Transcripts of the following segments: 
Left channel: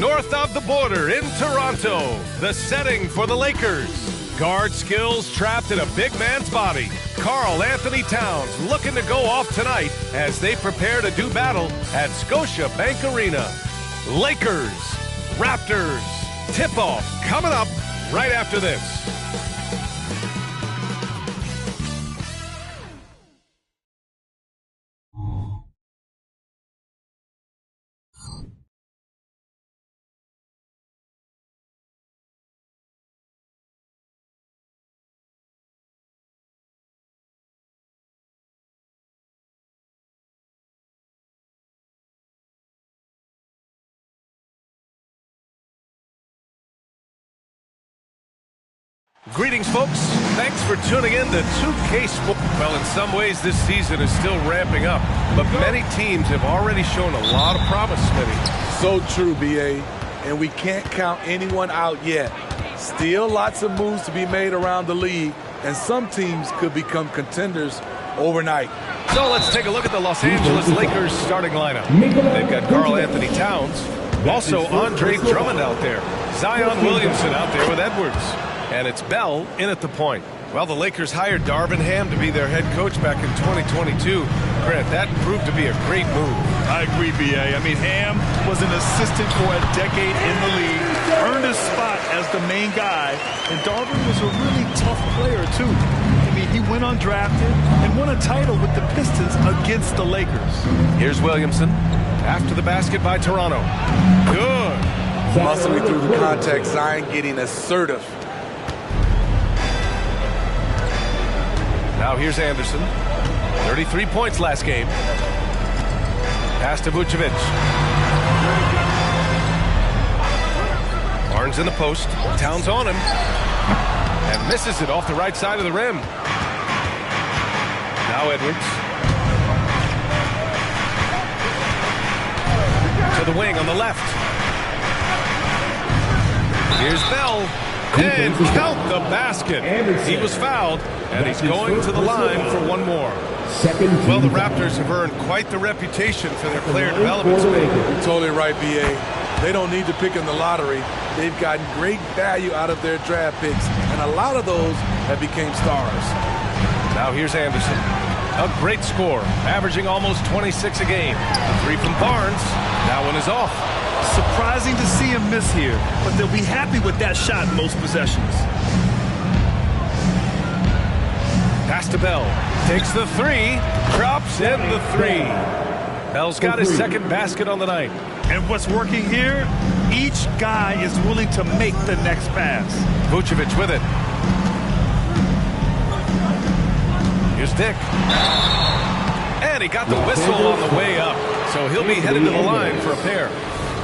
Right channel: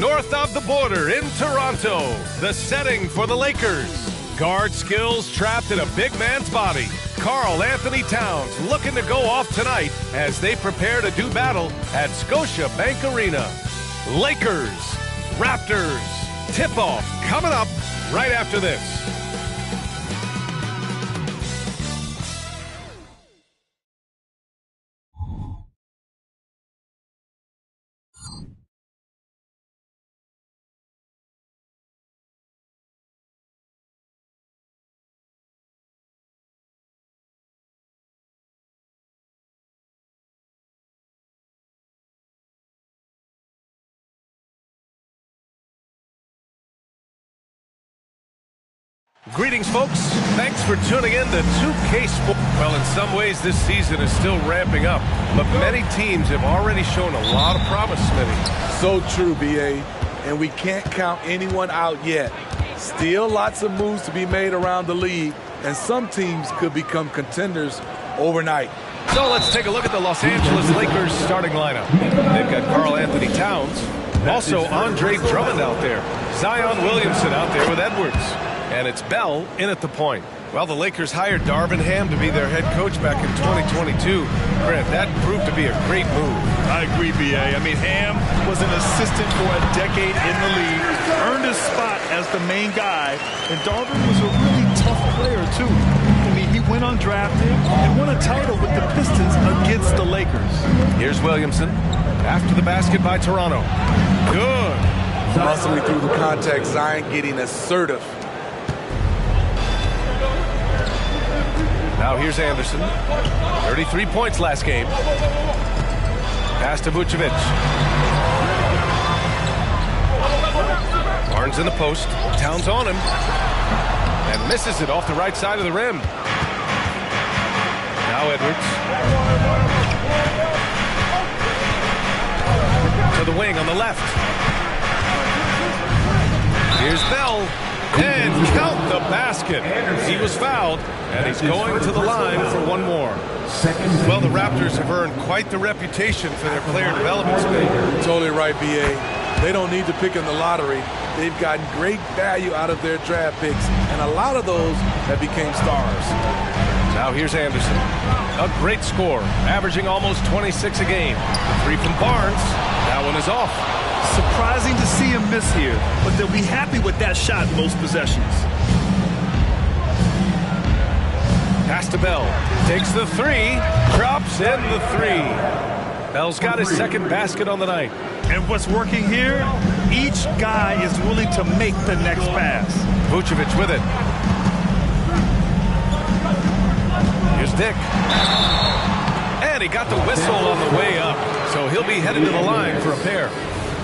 north of the border in Toronto, the setting for the Lakers. Guard skills trapped in a big man's body. Karl Anthony Towns looking to go off tonight as they prepare to do battle at Scotiabank Arena. Lakers, Raptors, tip-off coming up right after this. Greetings, folks. Thanks for tuning in to 2K Sports. Well, in some ways, this season is still ramping up, but many teams have already shown a lot of promise, Smitty. So true, B.A., and we can't count anyone out yet. Still lots of moves to be made around the league, and some teams could become contenders overnight. So let's take a look at the Los Angeles Lakers starting lineup. They've got Karl Anthony Towns, also Andre Drummond out there, Zion Williamson out there with Edwards. And it's Bell in at the point. Well, the Lakers hired Darvin Ham to be their head coach back in 2022. Grant, that proved to be a great move. I agree, B.A. I mean, Ham was an assistant for a decade in the league, earned his spot as the main guy, and Darvin was a really tough player, too. I mean, he went undrafted and won a title with the Pistons against the Lakers. Here's Williamson after the basket by Toronto. Good. Muscling through the contact, Zion getting assertive. Now here's Anderson. 33 points last game. Pass to Vucevic. Barnes in the post. Towns on him. And misses it off the right side of the rim. Now Edwards. To the wing on the left. Here's Bell. And count the basket. He was fouled, and he's going to the line for one more. Well, the Raptors have earned quite the reputation for their player development. You're totally right, B.A. They don't need to pick in the lottery. They've gotten great value out of their draft picks, and a lot of those have become stars. Now here's Anderson. A great score, averaging almost 26 a game. The three from Barnes. That one is off. Surprising to see him miss here, but they'll be happy with that shot most possessions. Pass to Bell. Takes the three. Drops in the three. Bell's got his second basket on the night. And what's working here? Each guy is willing to make the next pass. Vucevic with it. Here's Dick. And he got the whistle on the way up, so he'll be headed to the line for a pair.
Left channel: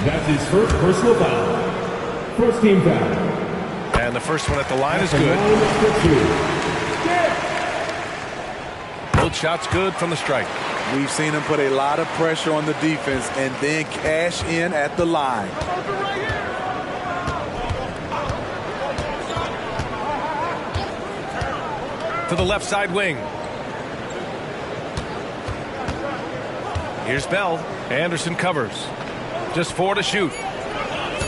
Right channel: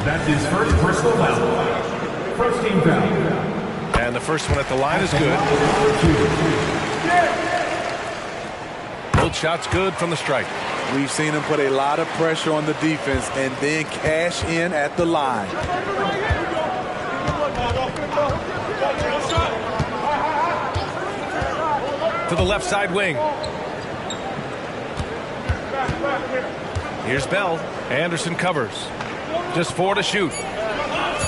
That's his first personal foul. First team foul. And the first one at the line is good. Both shots good from the strike. We've seen him put a lot of pressure on the defense and then cash in at the line. To the left side wing. Here's Bell. Anderson covers. Just 4 to shoot.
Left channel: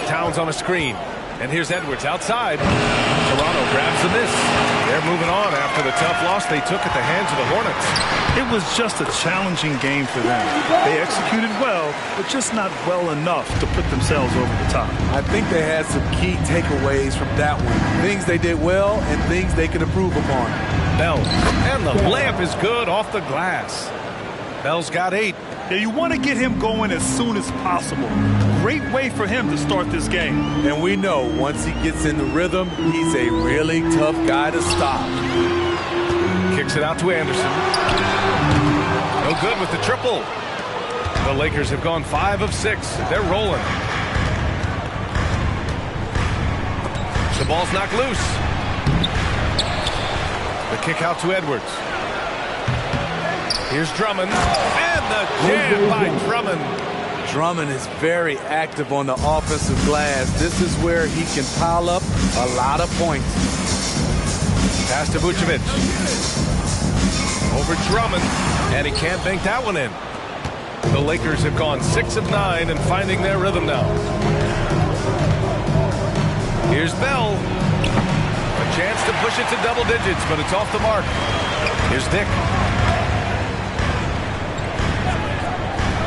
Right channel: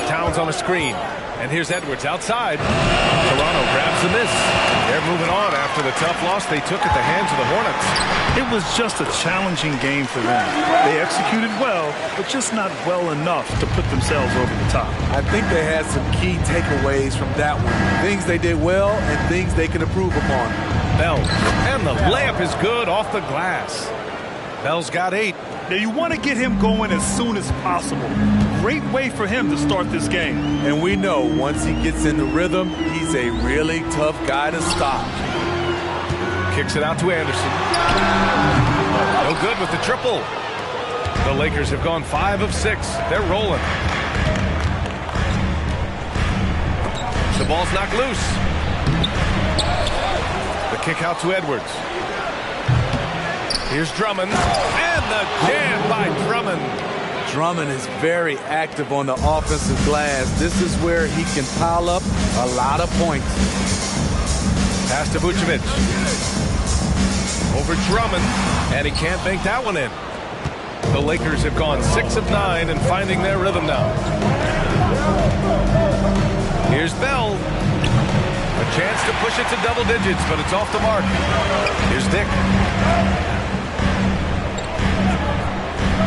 Towns on a screen. And here's Edwards outside. Toronto grabs the miss. They're moving on after the tough loss they took at the hands of the Hornets. It was just a challenging game for them. They executed well, but just not well enough to put themselves over the top. I think they had some key takeaways from that one. Things they did well and things they can improve upon. Bell. And the layup is good off the glass. Bell's got 8. Now you want to get him going as soon as possible. Great way for him to start this game. And we know once he gets in the rhythm, he's a really tough guy to stop. Kicks it out to Anderson. No good with the triple. The Lakers have gone 5 of 6. They're rolling. The ball's knocked loose. The kick out to Edwards. Here's Drummond, and the jam by Drummond. Drummond is very active on the offensive glass. This is where he can pile up a lot of points. Pass to Vucevic. Over Drummond, and he can't bank that one in. The Lakers have gone 6 of 9 and finding their rhythm now. Here's Bell. A chance to push it to double digits, but it's off the mark. Here's Dick.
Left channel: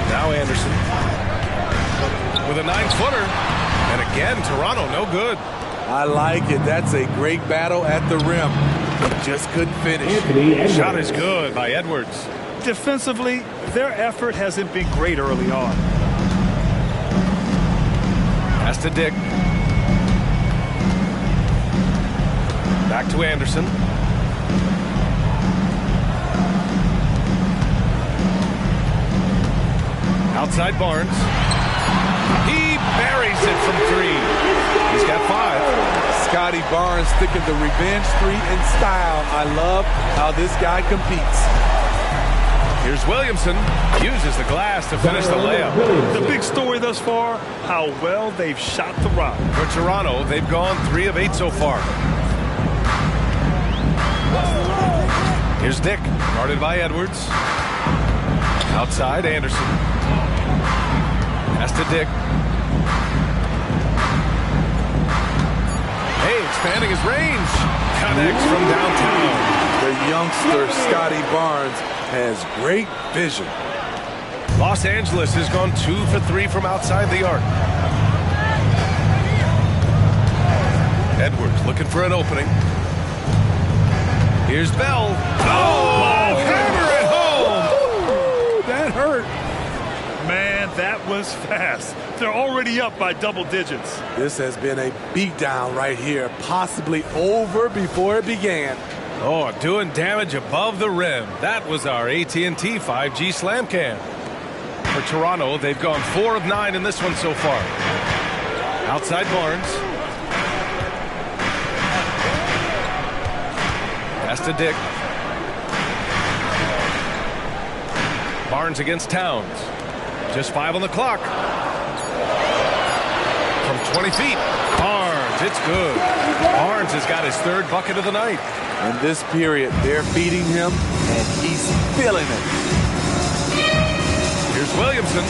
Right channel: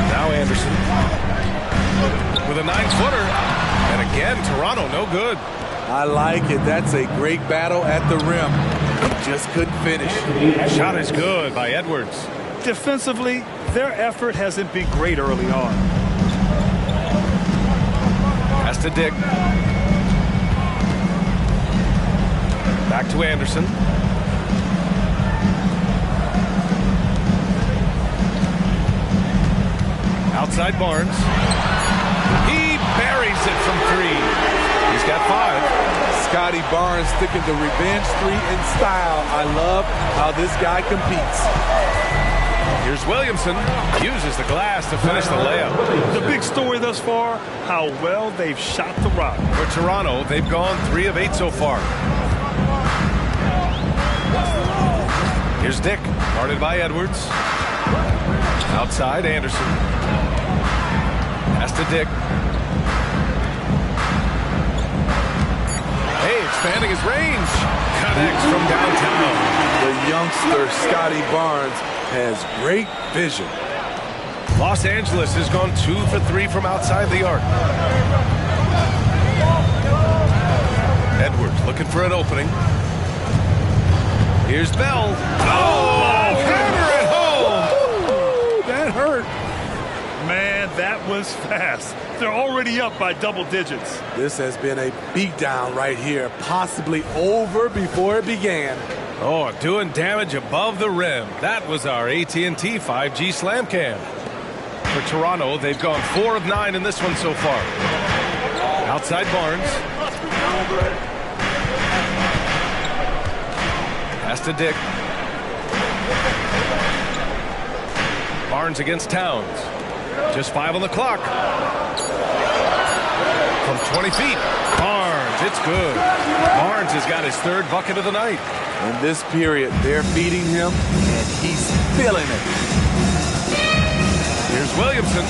Now Anderson with a 9-footer. And again, Toronto no good. I like it. That's a great battle at the rim. He just couldn't finish. Shot is good by Edwards. Defensively, their effort hasn't been great early on. Pass to Dick. Back to Anderson. Outside Barnes. He buries it from 3. He's got 5. Scotty Barnes sticking the revenge 3 in style. I love how this guy competes. Here's Williamson. Uses the glass to finish the layup. The big story thus far, how well they've shot the rock. For Toronto, they've gone 3 of 8 so far. Here's Dick, guarded by Edwards. Outside, Anderson. Pass to Dick. Hey, expanding his range. Connects from downtown. The youngster, Scotty Barnes, has great vision. Los Angeles has gone 2 for 3 from outside the arc. Edwards looking for an opening. Here's Bell. Oh, hammer it home. That hurt. Man, that was fast. They're already up by double digits. This has been a beatdown right here, possibly over before it began. Oh, doing damage above the rim. That was our AT&T 5G Slam Cam. For Toronto, they've gone 4 of 9 in this one so far. Outside Barnes. Pass to Dick. Barnes against Towns. Just 5 on the clock. From 20 feet. Barnes, it's good. Barnes has got his 3rd bucket of the night. In this period, they're feeding him, and he's feeling it. Here's Williamson.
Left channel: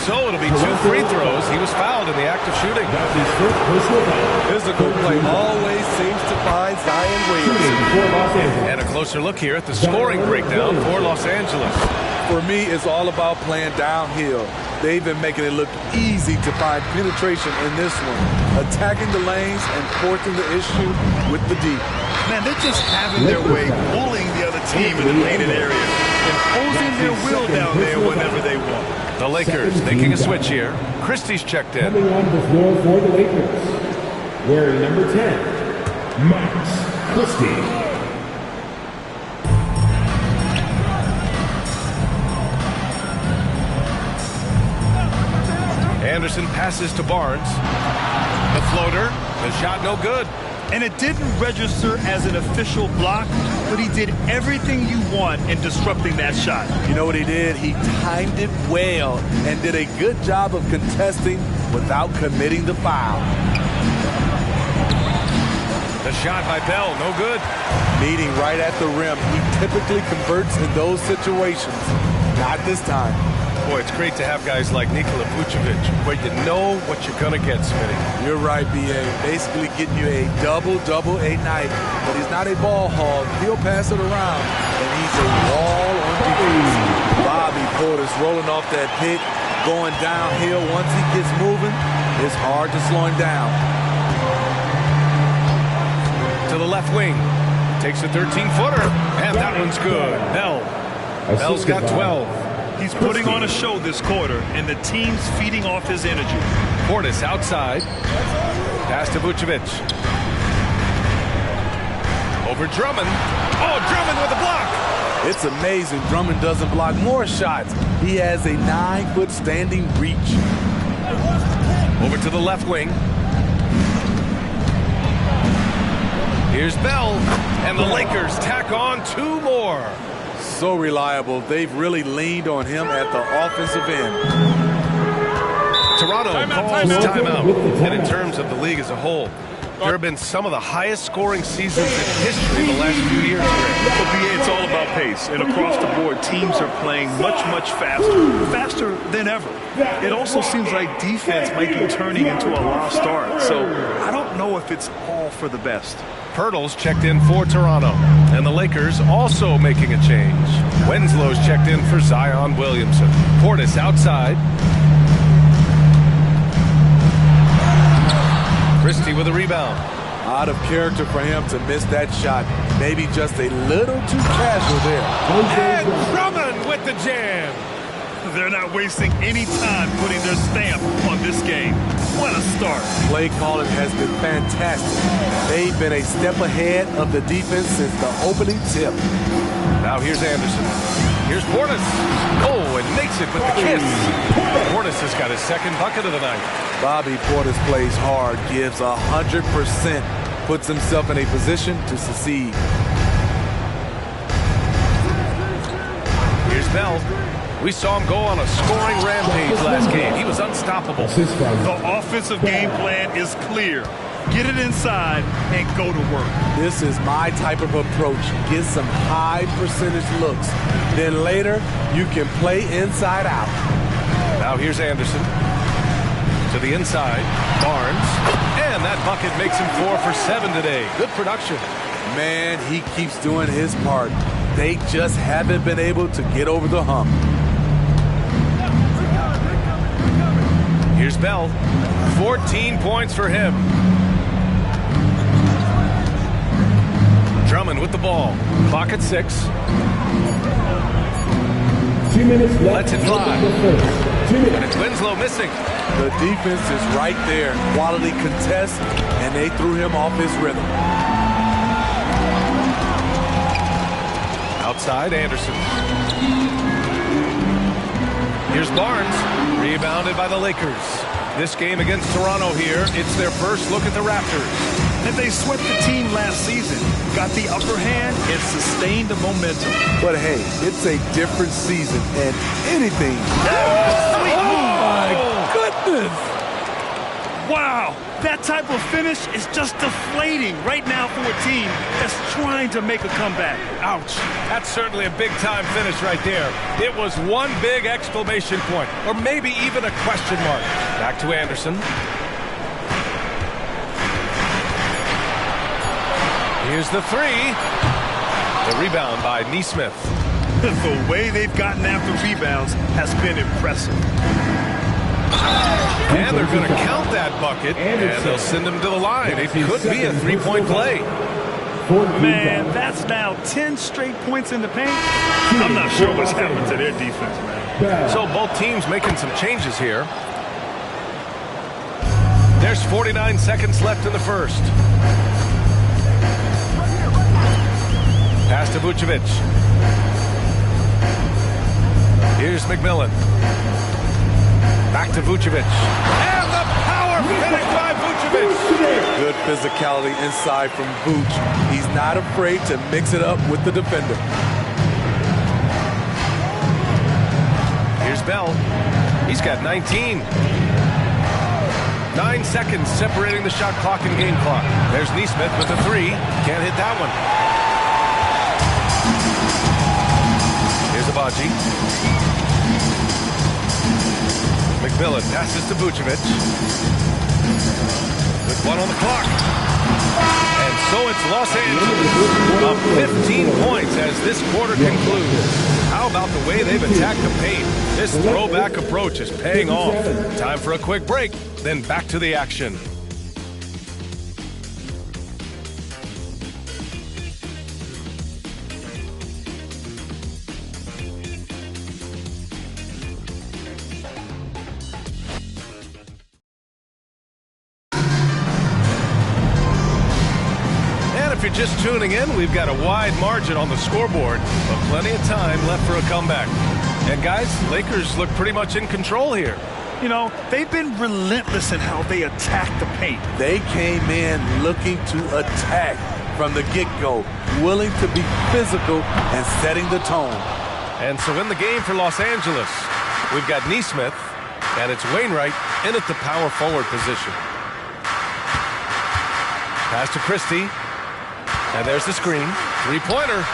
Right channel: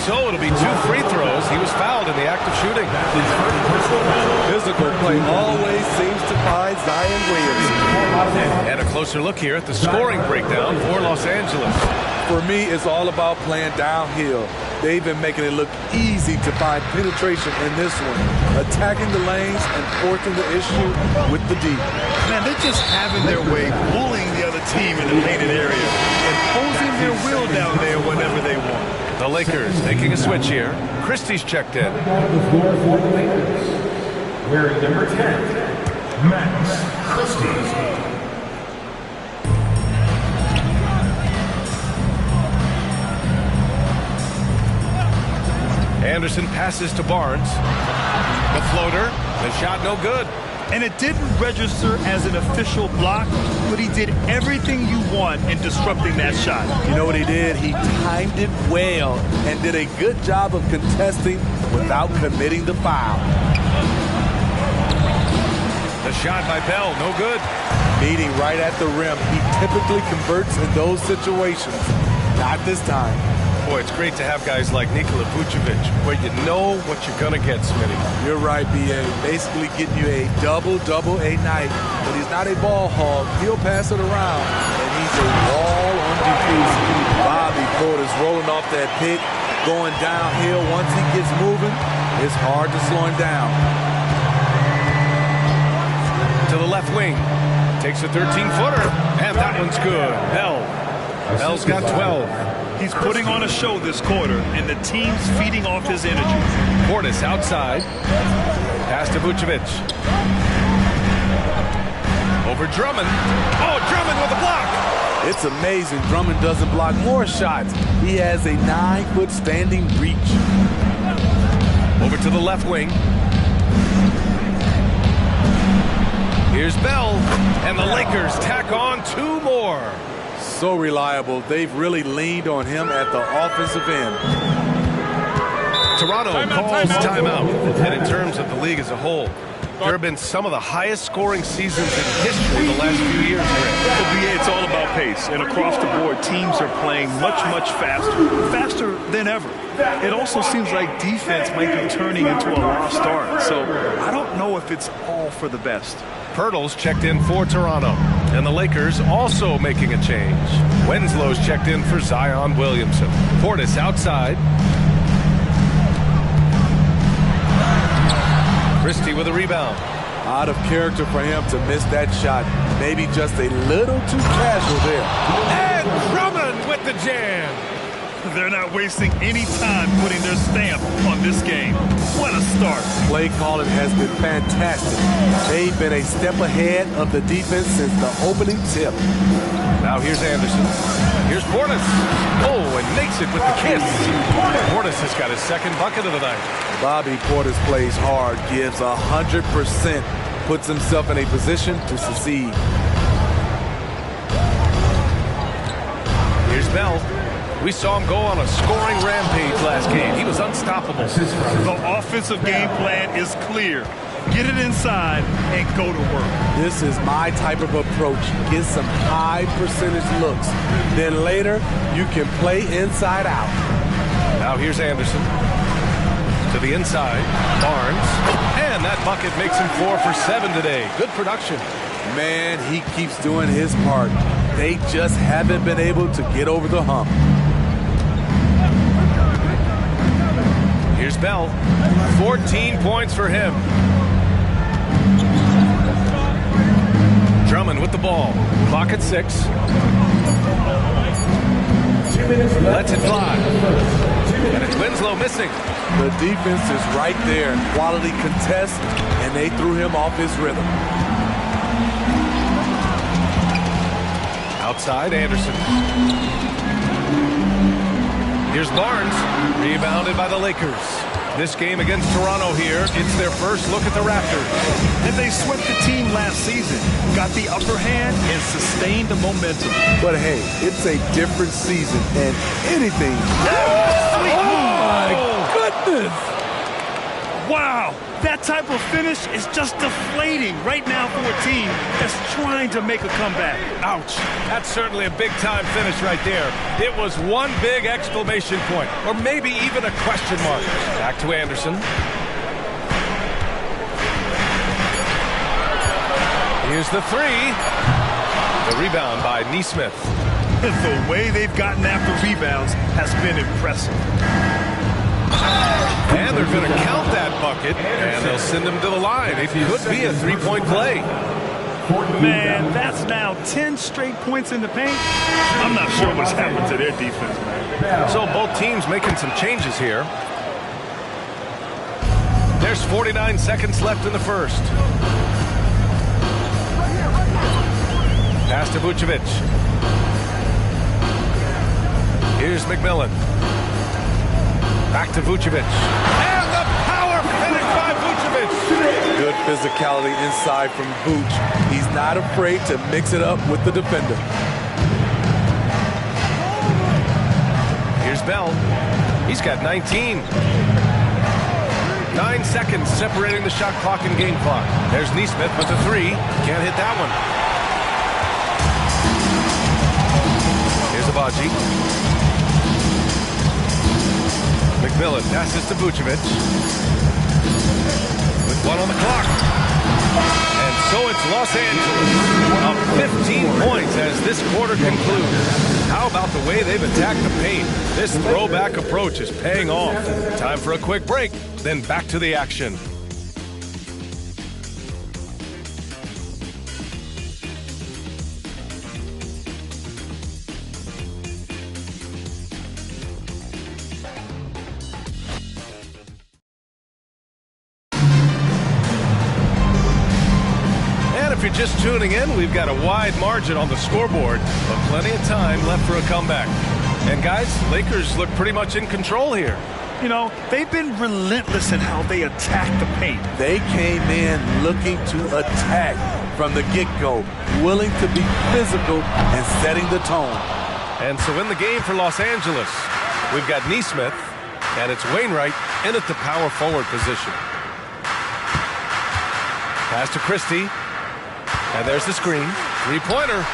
So it'll be 2 free throws. He was fouled in the act of shooting. Physical play always seems to find Zion Williamson. And a closer look here at the scoring breakdown for Los Angeles. For me, it's all about playing downhill. They've been making it look easy to find penetration in this one, attacking the lanes and forcing the issue with the D. Man, they're just having their way, bullying the other team in the painted area, imposing their will down there whenever they want. The Lakers making a switch here. Christie's checked in. Coming on the floor for the Lakers, wearing number 10, Max Christie. Anderson passes to Barnes. The floater, the shot no good. And it didn't register as an official block, but he did everything you want in disrupting that shot. You know what he did? He timed it well and did a good job of contesting without committing the foul. The shot by Bell, no good. Meeting right at the rim. He typically converts in those situations. Not this time. Boy, it's great to have guys like Nikola Vucevic where you know what you're going to get, Smitty. You're right, B.A. Basically getting you a double-double a night. But he's not a ball hog. He'll pass it around, and he's a wall on defense. Bobby Porter's rolling off that pick, going downhill. Once he gets moving, it's hard to slow him down. To the left wing. Takes a 13-footer, and that one's good. Bell's got 12. He's putting on a show this quarter, and the team's feeding off his energy. Portis outside. Pass to Vucevic. Over Drummond. Oh, Drummond with a block. It's amazing Drummond doesn't block more shots. He has a 9-foot standing reach. Over to the left wing. Here's Bell, and the Lakers tack on 2 more. So reliable. They've really leaned on him at the offensive end. Toronto calls timeout. And in terms of the league as a whole, There have been some of the highest scoring seasons in history the last few years, Greg. Well, BA, it's all about pace. And across the board, teams are playing much, much faster than ever. It also seems like defense might be turning into a lost art. So I don't know if it's all for the best. Pirtle's checked in for Toronto. And the Lakers also making a change. Winslow's checked in for Zion Williamson. Portis outside. Christie with a rebound. Out of character for him to miss that shot. Maybe just a little too casual there. And Drummond with the jam. They're not wasting any time putting their stamp on this game. What a start. Play calling has been fantastic. They've been a step ahead of the defense since the opening tip. Now here's Anderson. Here's Portis. Oh, and makes it with the kiss. Portis has got his second bucket of the night. Bobby Portis plays hard, gives 100%, puts himself in a position to succeed. Here's Bell. We saw him go on a scoring rampage last game. He was unstoppable. The offensive game plan is clear. Get it inside and go to work. This is my type of approach. Get some high percentage looks. Then later, you can play inside out. Now here's Anderson. To the inside. Barnes. And that bucket makes him 4 for 7 today. Good production. Man, he keeps doing his part. They just haven't been able to get over the hump. Here's Bell. 14 points for him. Drummond with the ball. Clock at 6. 2 minutes left. Lets it fly. And it's Winslow missing. The defense is right there. Quality contest, and they threw him off his rhythm. Outside, Anderson. Here's Barnes. Rebounded by the Lakers. This game against Toronto here, it's their first look at the Raptors. And they swept the team last season, got the upper hand, and sustained the momentum. But hey, it's a different season, and anything. Oh, my goodness! Wow, that type of finish is just deflating right now for a team that's trying to make a comeback. Ouch. That's certainly a big-time finish right there. It was one big exclamation point, or maybe even a question mark. Back to Anderson. Here's the 3. The rebound by Nesmith. The way they've gotten after rebounds has been impressive. And they're going to count that bucket, and they'll send him to the line. It could be a three-point play. Man, that's now 10 straight points in the paint. I'm not sure what's happened to their defense, man. So both teams making some changes here. There's 49 seconds left in the first. Pass to Vucevic. Here's McMillan. Back to Vucevic. And the power finish by Vucevic. Good physicality inside from Vuce. He's not afraid to mix it up with the defender. Here's Bell. He's got 19. 9 seconds separating the shot clock and game clock. There's Nesmith with the 3. Can't hit that one. Here's Abaji. McMillan passes to Vucevic. With 1 on the clock. And so it's Los Angeles. Up 15 points as this quarter concludes. How about the way they've attacked the paint? This throwback approach is paying off. Time for a quick break, then back to the action. If you're just tuning in, we've got a wide margin on the scoreboard, but plenty of time left for a comeback. And guys, Lakers look pretty much in control here. You know, they've been relentless in how they attack the paint. They came in looking to attack from the get-go, willing to be physical and setting the tone. And so in the game for Los Angeles, we've got Nesmith, and it's Wainwright in at the power forward position. Pass to Christie. And there's the screen. Three-pointer.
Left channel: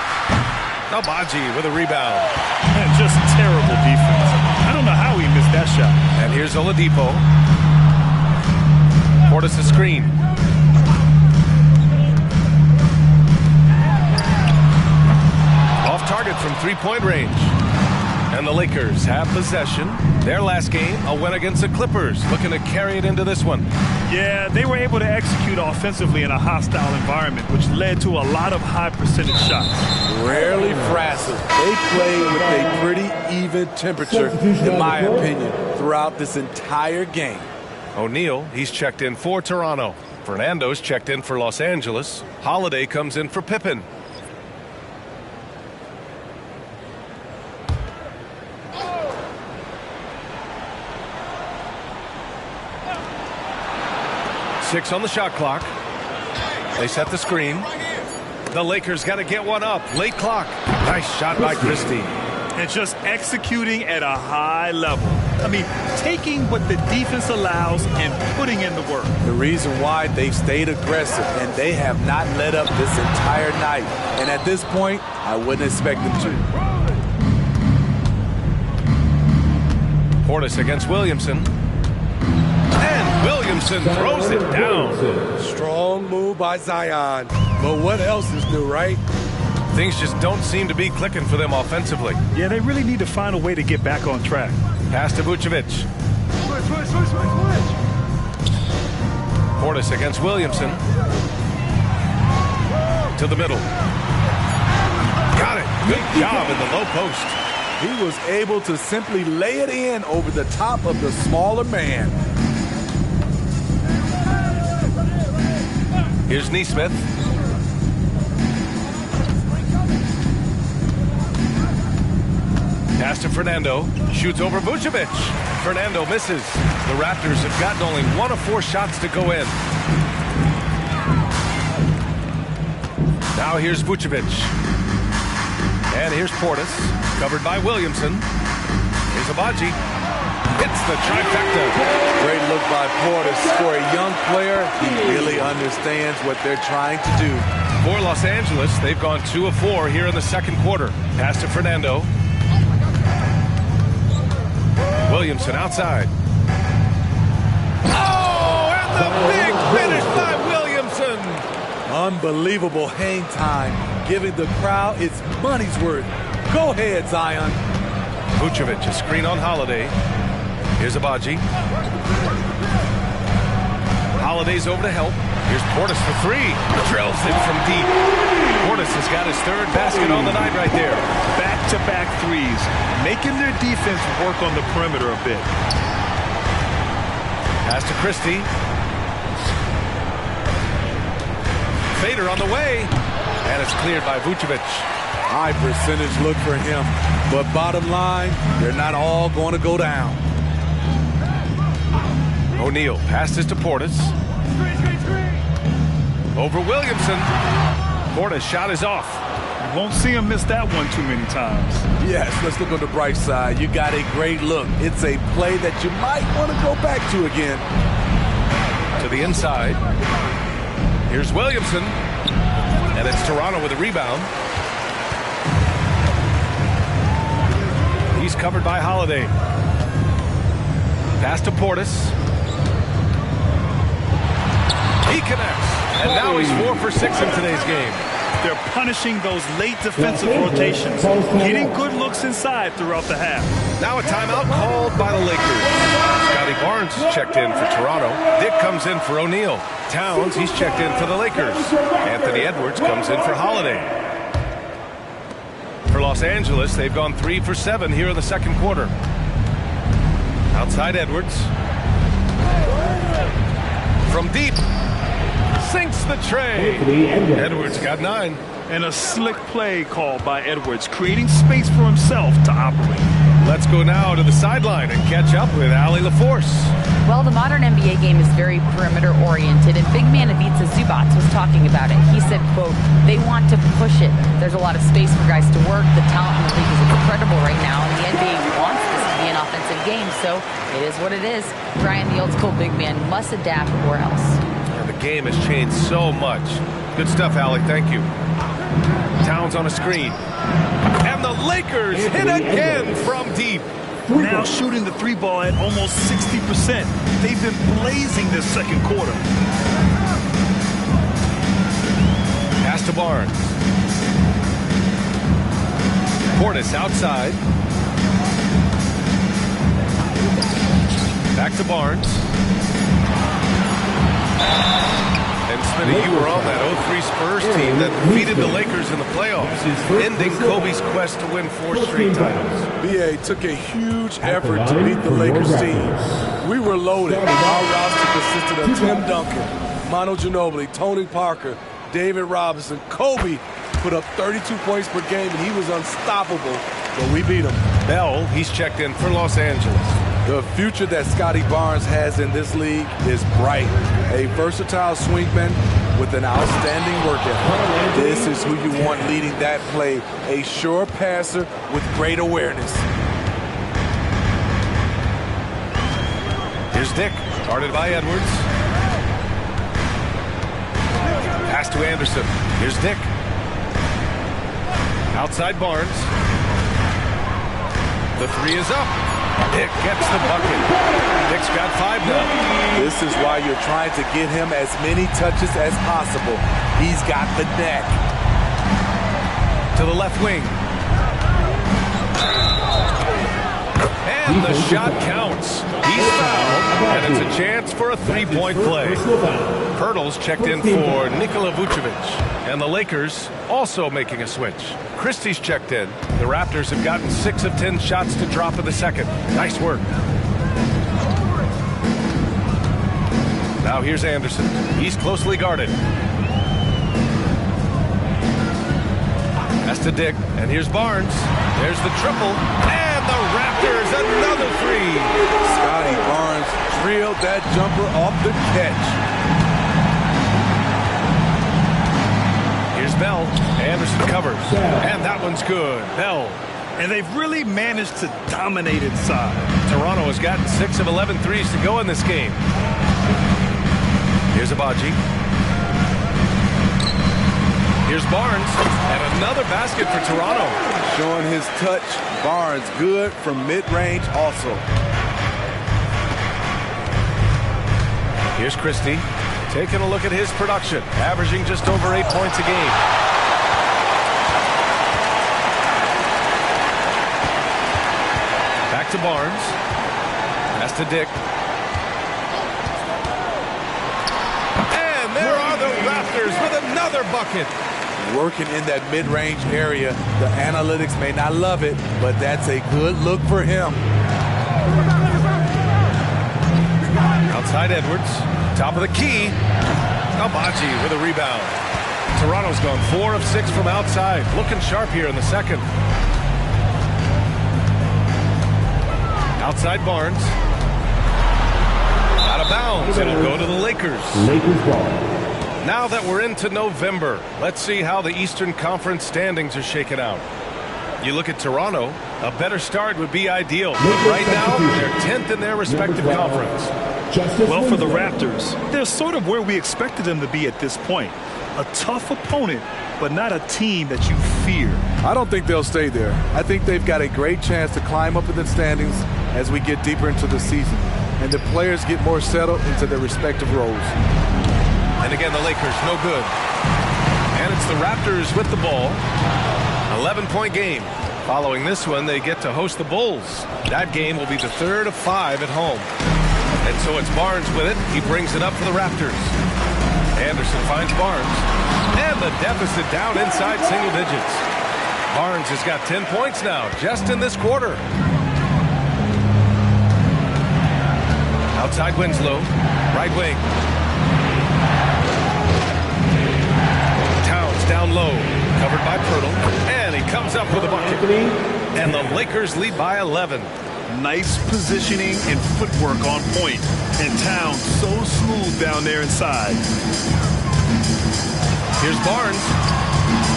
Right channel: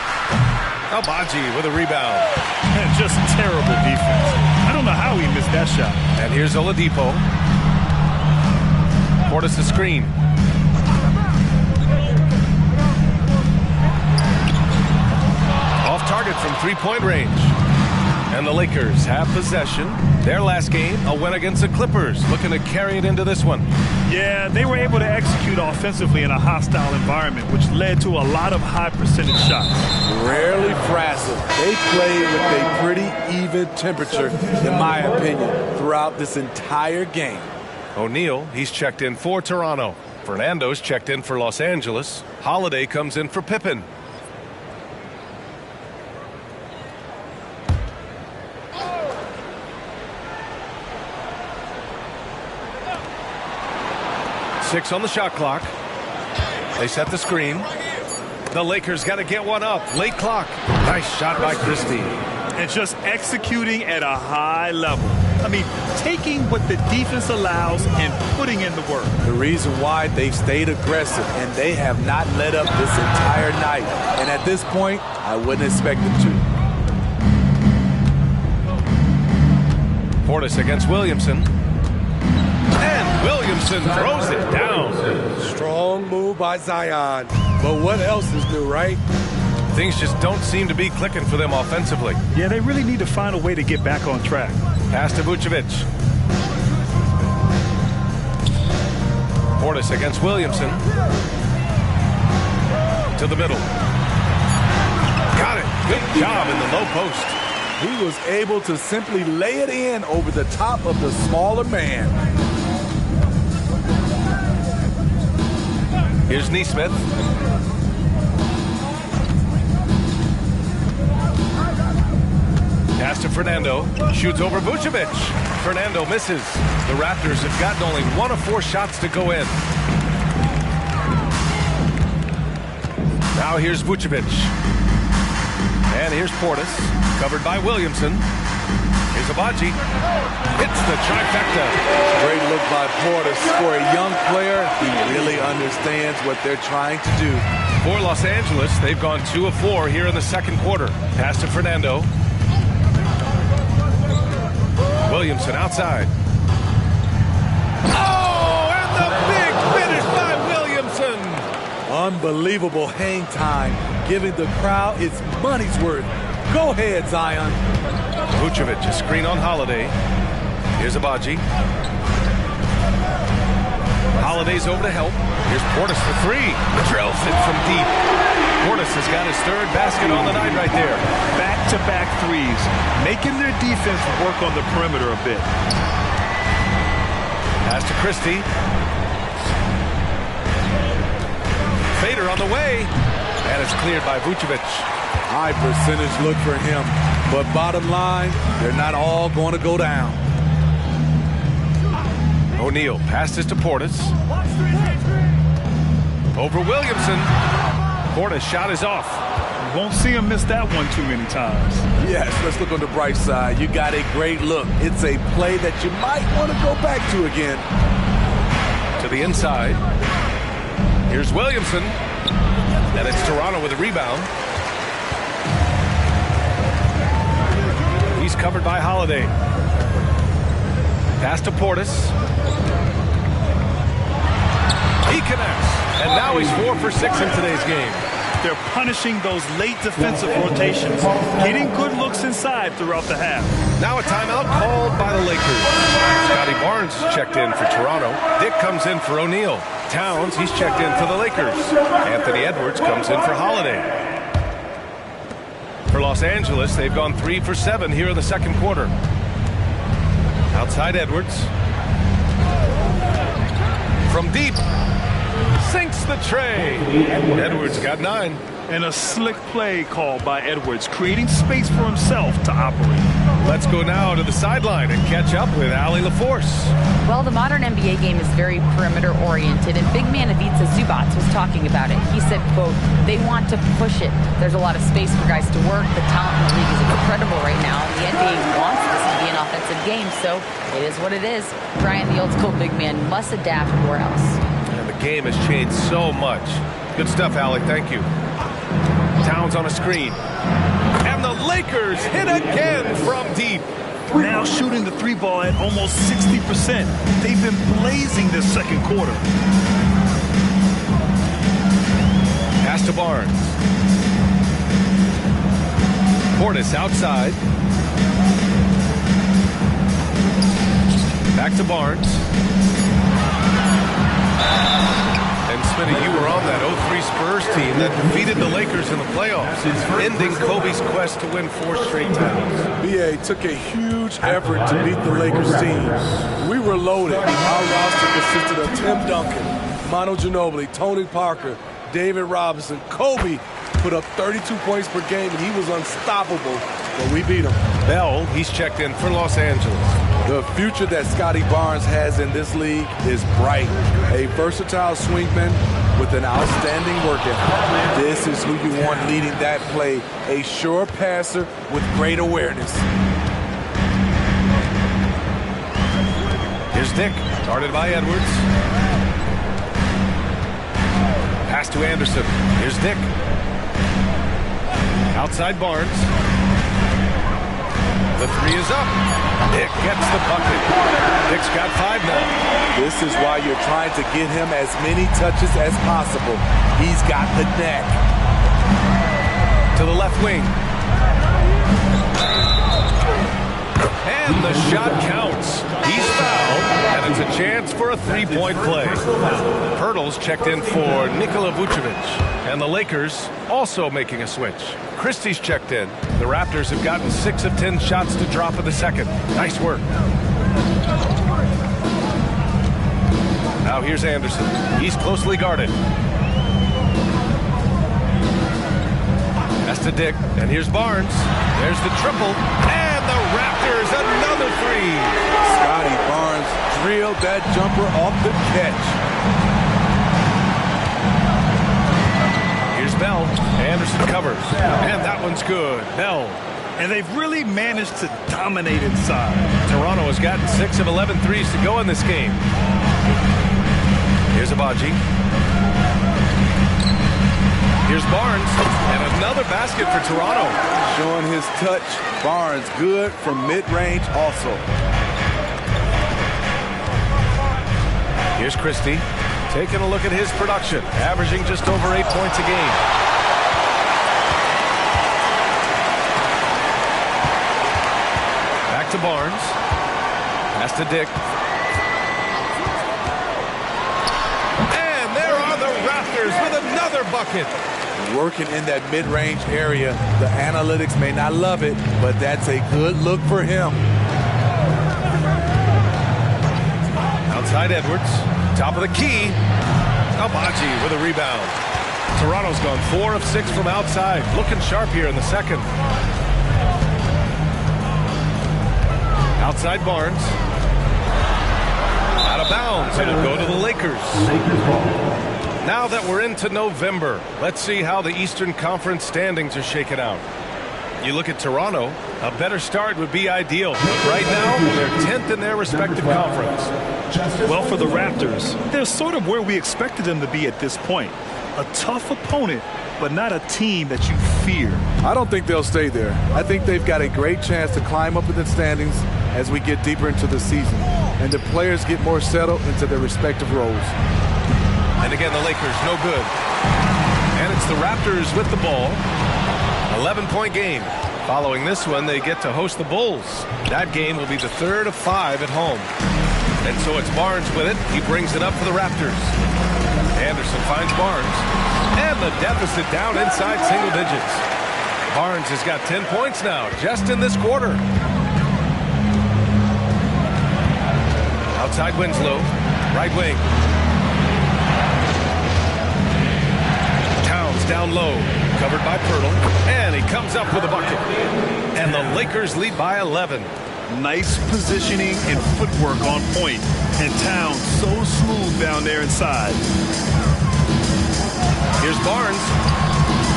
Albaji with a rebound. And just terrible defense. I don't know how he missed that shot. And here's Oladipo. Portis the screen. Off target from three-point range. And the Lakers have possession. Their last game, a win against the Clippers. Looking to carry it into this one. Yeah, they were able to execute offensively in a hostile environment, which led to a lot of high percentage shots. Rarely frazzled. They played with a pretty even temperature, in my opinion, throughout this entire game. O'Neal, he's checked in for Toronto. Fernando's checked in for Los Angeles. Holiday comes in for Pippen. Six on the shot clock. They set the screen. The Lakers got to get one up. Late clock. Nice shot by Christie. And just executing at a high level. I mean, taking what the defense allows and putting in the work. The reason why they've stayed aggressive and they have not let up this entire night. And at this point, I wouldn't expect them to. Portis against Williamson. And Williamson throws it down. Strong move by Zion. But what else is new, right? Things just don't seem to be clicking for them offensively. Yeah, they really need to find a way to get back on track. Pass to Vucevic. Portis against Williamson. To the middle. Got it. Good job in the low post. He was able to simply lay it in over the top of the smaller man. Here's Nesmith. Pass to Fernando. Shoots over Vucevic. Fernando misses. The Raptors have gotten only 1 of 4 shots to go in. Now here's Vucevic. And here's Portis. Covered by Williamson. Here's Abaji. Hits the trifecta. Great look by Portis. For a young player, he really understands what they're trying to do. For Los Angeles, they've gone 2 of 4 here in the second quarter. Pass to Fernando. Williamson outside. Oh, and the big finish by Williamson. Unbelievable hang time, giving the crowd its money's worth. Go ahead, Zion. Vucevic, a screen on Holiday. Here's Abaji. Holiday's over to help. Here's Portis for 3. Drills it from deep. Portis has got his 3rd basket on the night right there. Back-to-back threes, making their defense work on the perimeter a bit. Pass to Christie. Fader on the way. And it's cleared by Vucevic. High percentage look for him. But bottom line, they're not all going to go down. O'Neal passes to Portis. Over Williamson. Portis' shot is off. You won't see him miss that one too many times. Yes, let's look on the bright side. You got a great look. It's a play that you might want to go back to again. To the inside. Here's Williamson. And it's Toronto with a rebound. He's covered by Holiday. Pass to Portis. He connects. And now he's 4 for 6 in today's game. They're punishing those late defensive rotations, getting good looks inside throughout the half. Now a timeout called by the Lakers. Scotty Barnes is checked in for Toronto. Dick comes in for O'Neal. Towns, he's checked in for the Lakers. Anthony Edwards comes in for Holiday. For Los Angeles, they've gone 3 for 7 here in the second quarter. Outside Edwards. From deep. Sinks the tray. Edwards got 9. And a slick play called by Edwards, creating space for himself to operate. Let's go now to the sideline and catch up with Allie LaForce. Well, the modern NBA game is very perimeter-oriented, and big man Ivica Zubac was talking about it. He said, quote, they want to push it. There's a lot of space for guys to work. The talent in the league is incredible right now, and the NBA wants this to be an offensive game, so it is what it is. Brian, the old-school big man, must adapt or else. And the game has changed so much. Good stuff, Allie. Thank you. Towns on a screen. And the Lakers hit again from deep. Now shooting the three ball at almost 60%. They've been blazing this second quarter. Pass to Barnes. Portis outside. Back to Barnes. And Smitty, you were on that 0-3 Spurs team that defeated the Lakers in the playoffs, ending Kobe's quest to win 4 straight titles. BA took a huge effort to beat the Lakers team. We were loaded. Our roster consisted of Tim Duncan, Manu Ginobili, Tony Parker, David Robinson. Kobe put up 32 points per game, and he was unstoppable, but we beat him. Bell, he's checked in for Los Angeles. The future that Scotty Barnes has in this league is bright. A versatile swingman with an outstanding work ethic. This is who you want leading that play. A sure passer with great awareness. Here's Dick, guarded by Edwards. Pass to Anderson. Here's Dick. Outside Barnes. The 3 is up. Dick gets the bucket. Dick's got 5 now. This is why you're trying to get him as many touches as possible. He's got the neck. To the left wing. And the shot counts. He's fouled, and it's a chance for a 3-point play. Pirtle's checked in for Nikola Vucevic. And the Lakers also making a switch. Christie's checked in. The Raptors have gotten 6 of 10 shots to drop in the second. Nice work. Now here's Anderson. He's closely guarded. Pass to Dick, and here's Barnes. There's the triple, and the Raptors another 3. Scotty Barnes drilled that jumper off the catch. Here's Bell. Anderson covers. And that one's good. Bell. And they've really managed to dominate inside. Toronto has gotten 6 of 11 threes to go in this game. Here's Abaji. Here's Barnes. And another basket for Toronto. Showing his touch. Barnes good from mid-range also. Here's Christie. Taking a look at his production, averaging just over 8 points a game. Back to Barnes. Pass to Dick. And there are the Raptors with another bucket. Working in that mid-range area. The analytics may not love it, but that's a good look for him. Outside Edwards. Top of the key. Abaji with a rebound. Toronto's gone 4 of 6 from outside. Looking sharp here in the second. Outside Barnes. Out of bounds. It'll go to the Lakers. Lakers ball. Now that we're into November, let's see how the Eastern Conference standings are shaken out. You look at Toronto, a better start would be ideal. But right now, they're 10th in their respective conference. Well, for the Raptors, they're sort of where we expected them to be at this point. A tough opponent, but not a team that you fear. I don't think they'll stay there. I think they've got a great chance to climb up in the standings as we get deeper into the season, and the players get more settled into their respective roles. And again, the Lakers, no good. And it's the Raptors with the ball. 11-point game. Following this one, they get to host the Bulls. That game will be the 3rd of 5 at home. And so it's Barnes with it. He brings it up for the Raptors. Anderson finds Barnes. And the deficit down inside single digits. Barnes has got 10 points now, just in this quarter. Outside Winslow. Right wing. Towns down low. Covered by Pirtle. And he comes up with a bucket. And the Lakers lead by 11. Nice positioning and footwork on point. And Towns so smooth down there inside. Here's Barnes.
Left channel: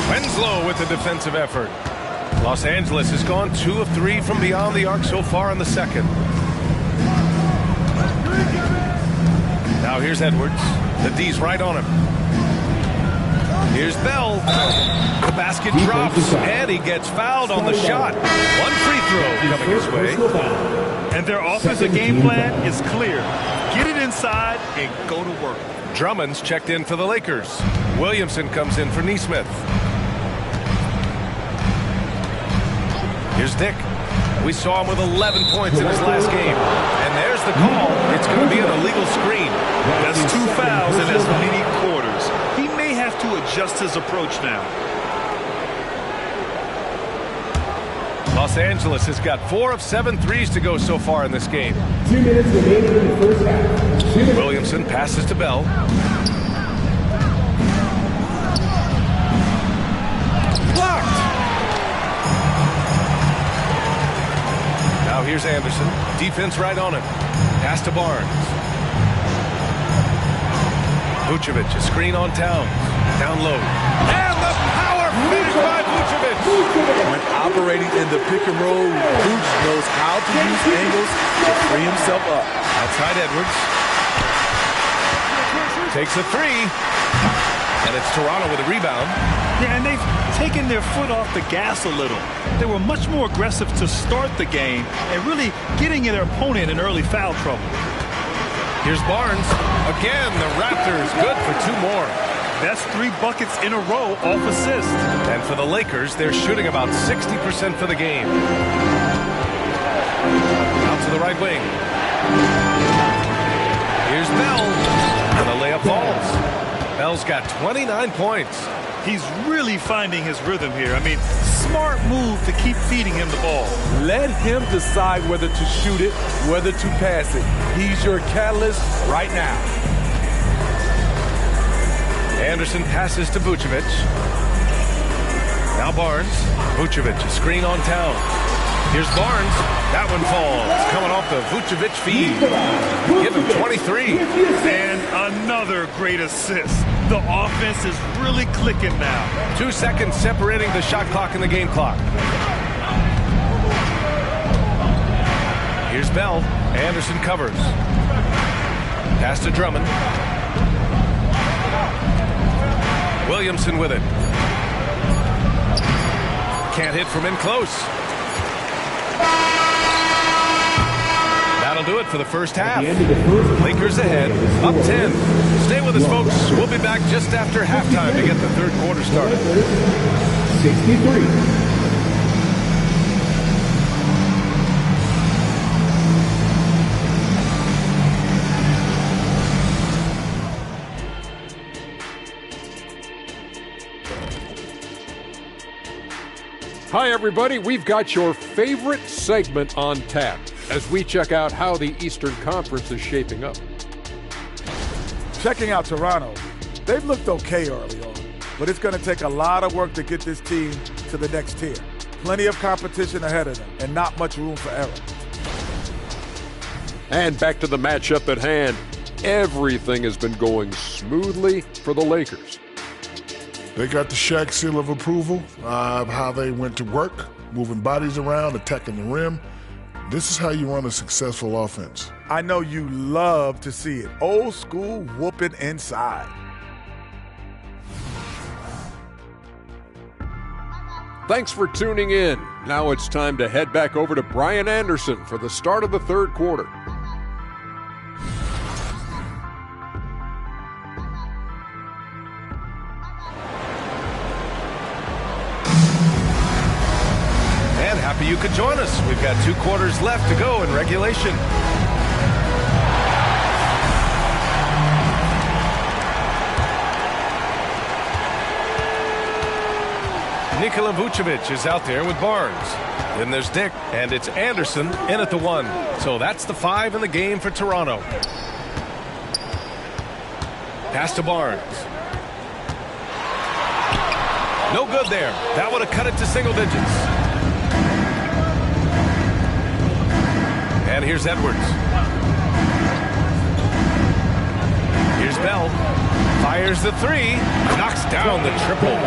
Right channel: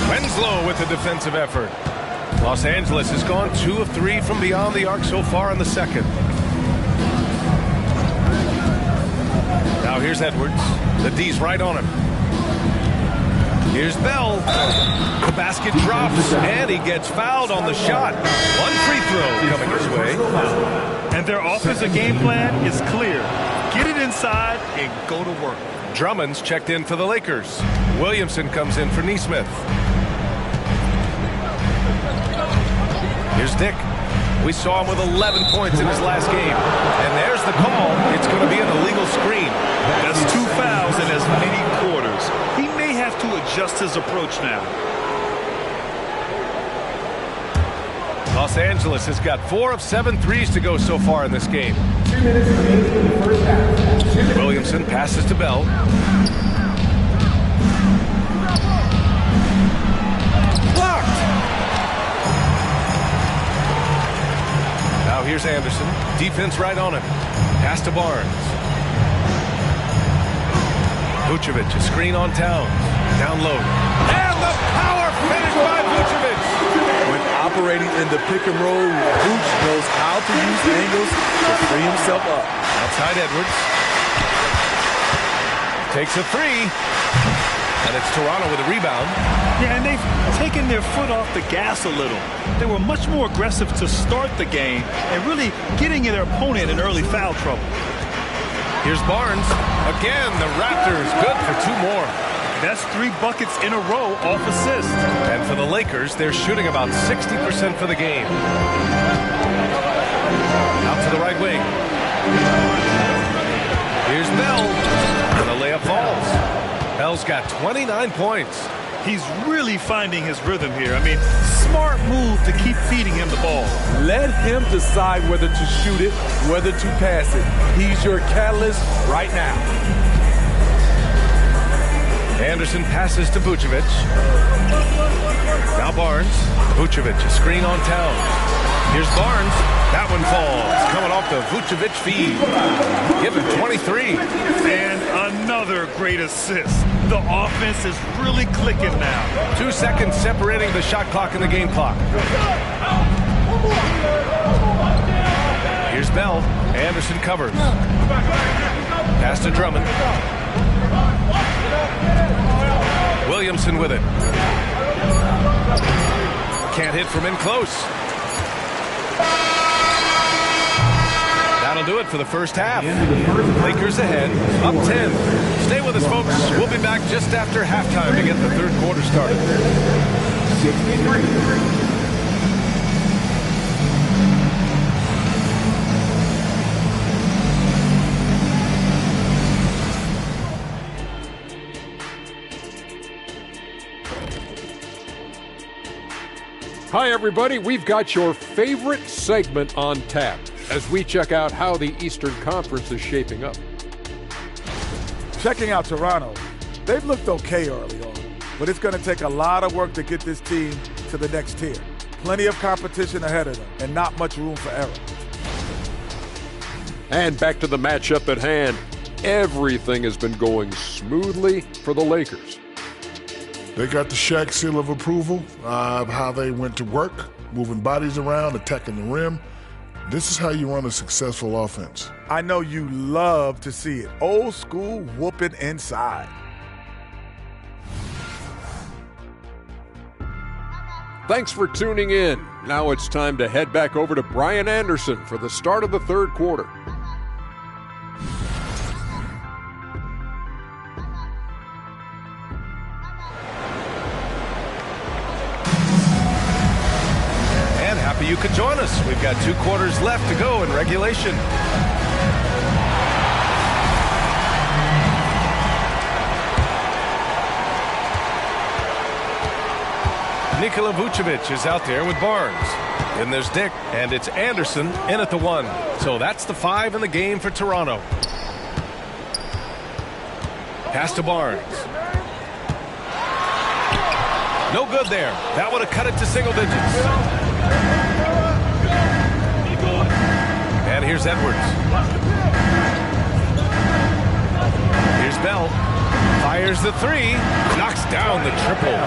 Winslow with the defensive effort. Los Angeles has gone 2 of 3 from beyond the arc so far in the second. Now here's Edwards. The D's right on him. Here's Bell. The basket drops, and he gets fouled on the shot. One free throw coming his way. And their offensive game plan is clear. Get it inside and go to work. Drummond's checked in for the Lakers. Williamson comes in for Nesmith. Here's Dick. We saw him with 11 points in his last game. And there's the call. It's going to be an illegal screen. That's 2 fouls in as many quarters. He may have to adjust his approach now. Los Angeles has got 4 of 7 threes to go so far in this game. 2 minutes remaining in the first half. Williamson passes to Bell. Blocked. Now here's Anderson. Defense right on him. Pass to Barnes. Vucevic, a screen on Towns. Down low. And the power finish by Vucevic. When operating in the pick and roll, Vooch knows how to use angles to free himself up. Outside Edwards. Takes a 3. And it's Toronto with a rebound. Yeah, and they've taken their foot off the gas a little. They were much more aggressive to start the game and really getting their opponent in early foul trouble. Here's Barnes. Again, the Raptors good for 2 more. That's 3 buckets in a row off assist. And for the Lakers, they're shooting about 60% for the game. Out to the right wing. Here's Bell. And the layup falls. Bell's got 29 points. He's really finding his rhythm here. I mean, smart move to keep feeding him the ball. Let him decide whether to shoot it, whether to pass it. He's your catalyst right now. Anderson passes to Vucevic. Now Barnes. Vucevic, a screen on Towns. Here's Barnes. That one falls. Coming off the Vucevic feed. Give him 23. And another great assist. The offense is really clicking now. 2 seconds separating the shot clock and the game clock. Here's Bell. Anderson covers. Pass to Drummond. Williamson with it. Can't hit from in close. That'll do it for the first half. Lakers ahead, up 10. Stay with us, folks. We'll be back just after halftime to get the third quarter started. 63. Hi, everybody. We've got your favorite segment on tap as we check out how the Eastern Conference is shaping up. Checking out Toronto, they've looked okay early on, but it's going to take a lot of work to get this team to the next tier. Plenty of competition ahead of them and not much room for error. And back to the matchup at hand. Everything has been going smoothly for the Lakers. They got the Shaq seal of approval of how they went to work, moving bodies around, attacking the rim. This is how you run a successful offense. I know you love to see it. Old school whooping inside. Thanks for tuning in. Now it's time to head back over to Brian Anderson for the start of the third quarter. And happy you could join us. We've got 2 quarters left to go in regulation. Nikola Vucevic is out there with Barnes. Then there's Dick, and it's Anderson in at the 1. So that's the 5 in the game for Toronto. Pass to Barnes. No good there. That would have cut it to single digits. And here's Edwards. Here's Bell. Fires the 3. Knocks down the triple.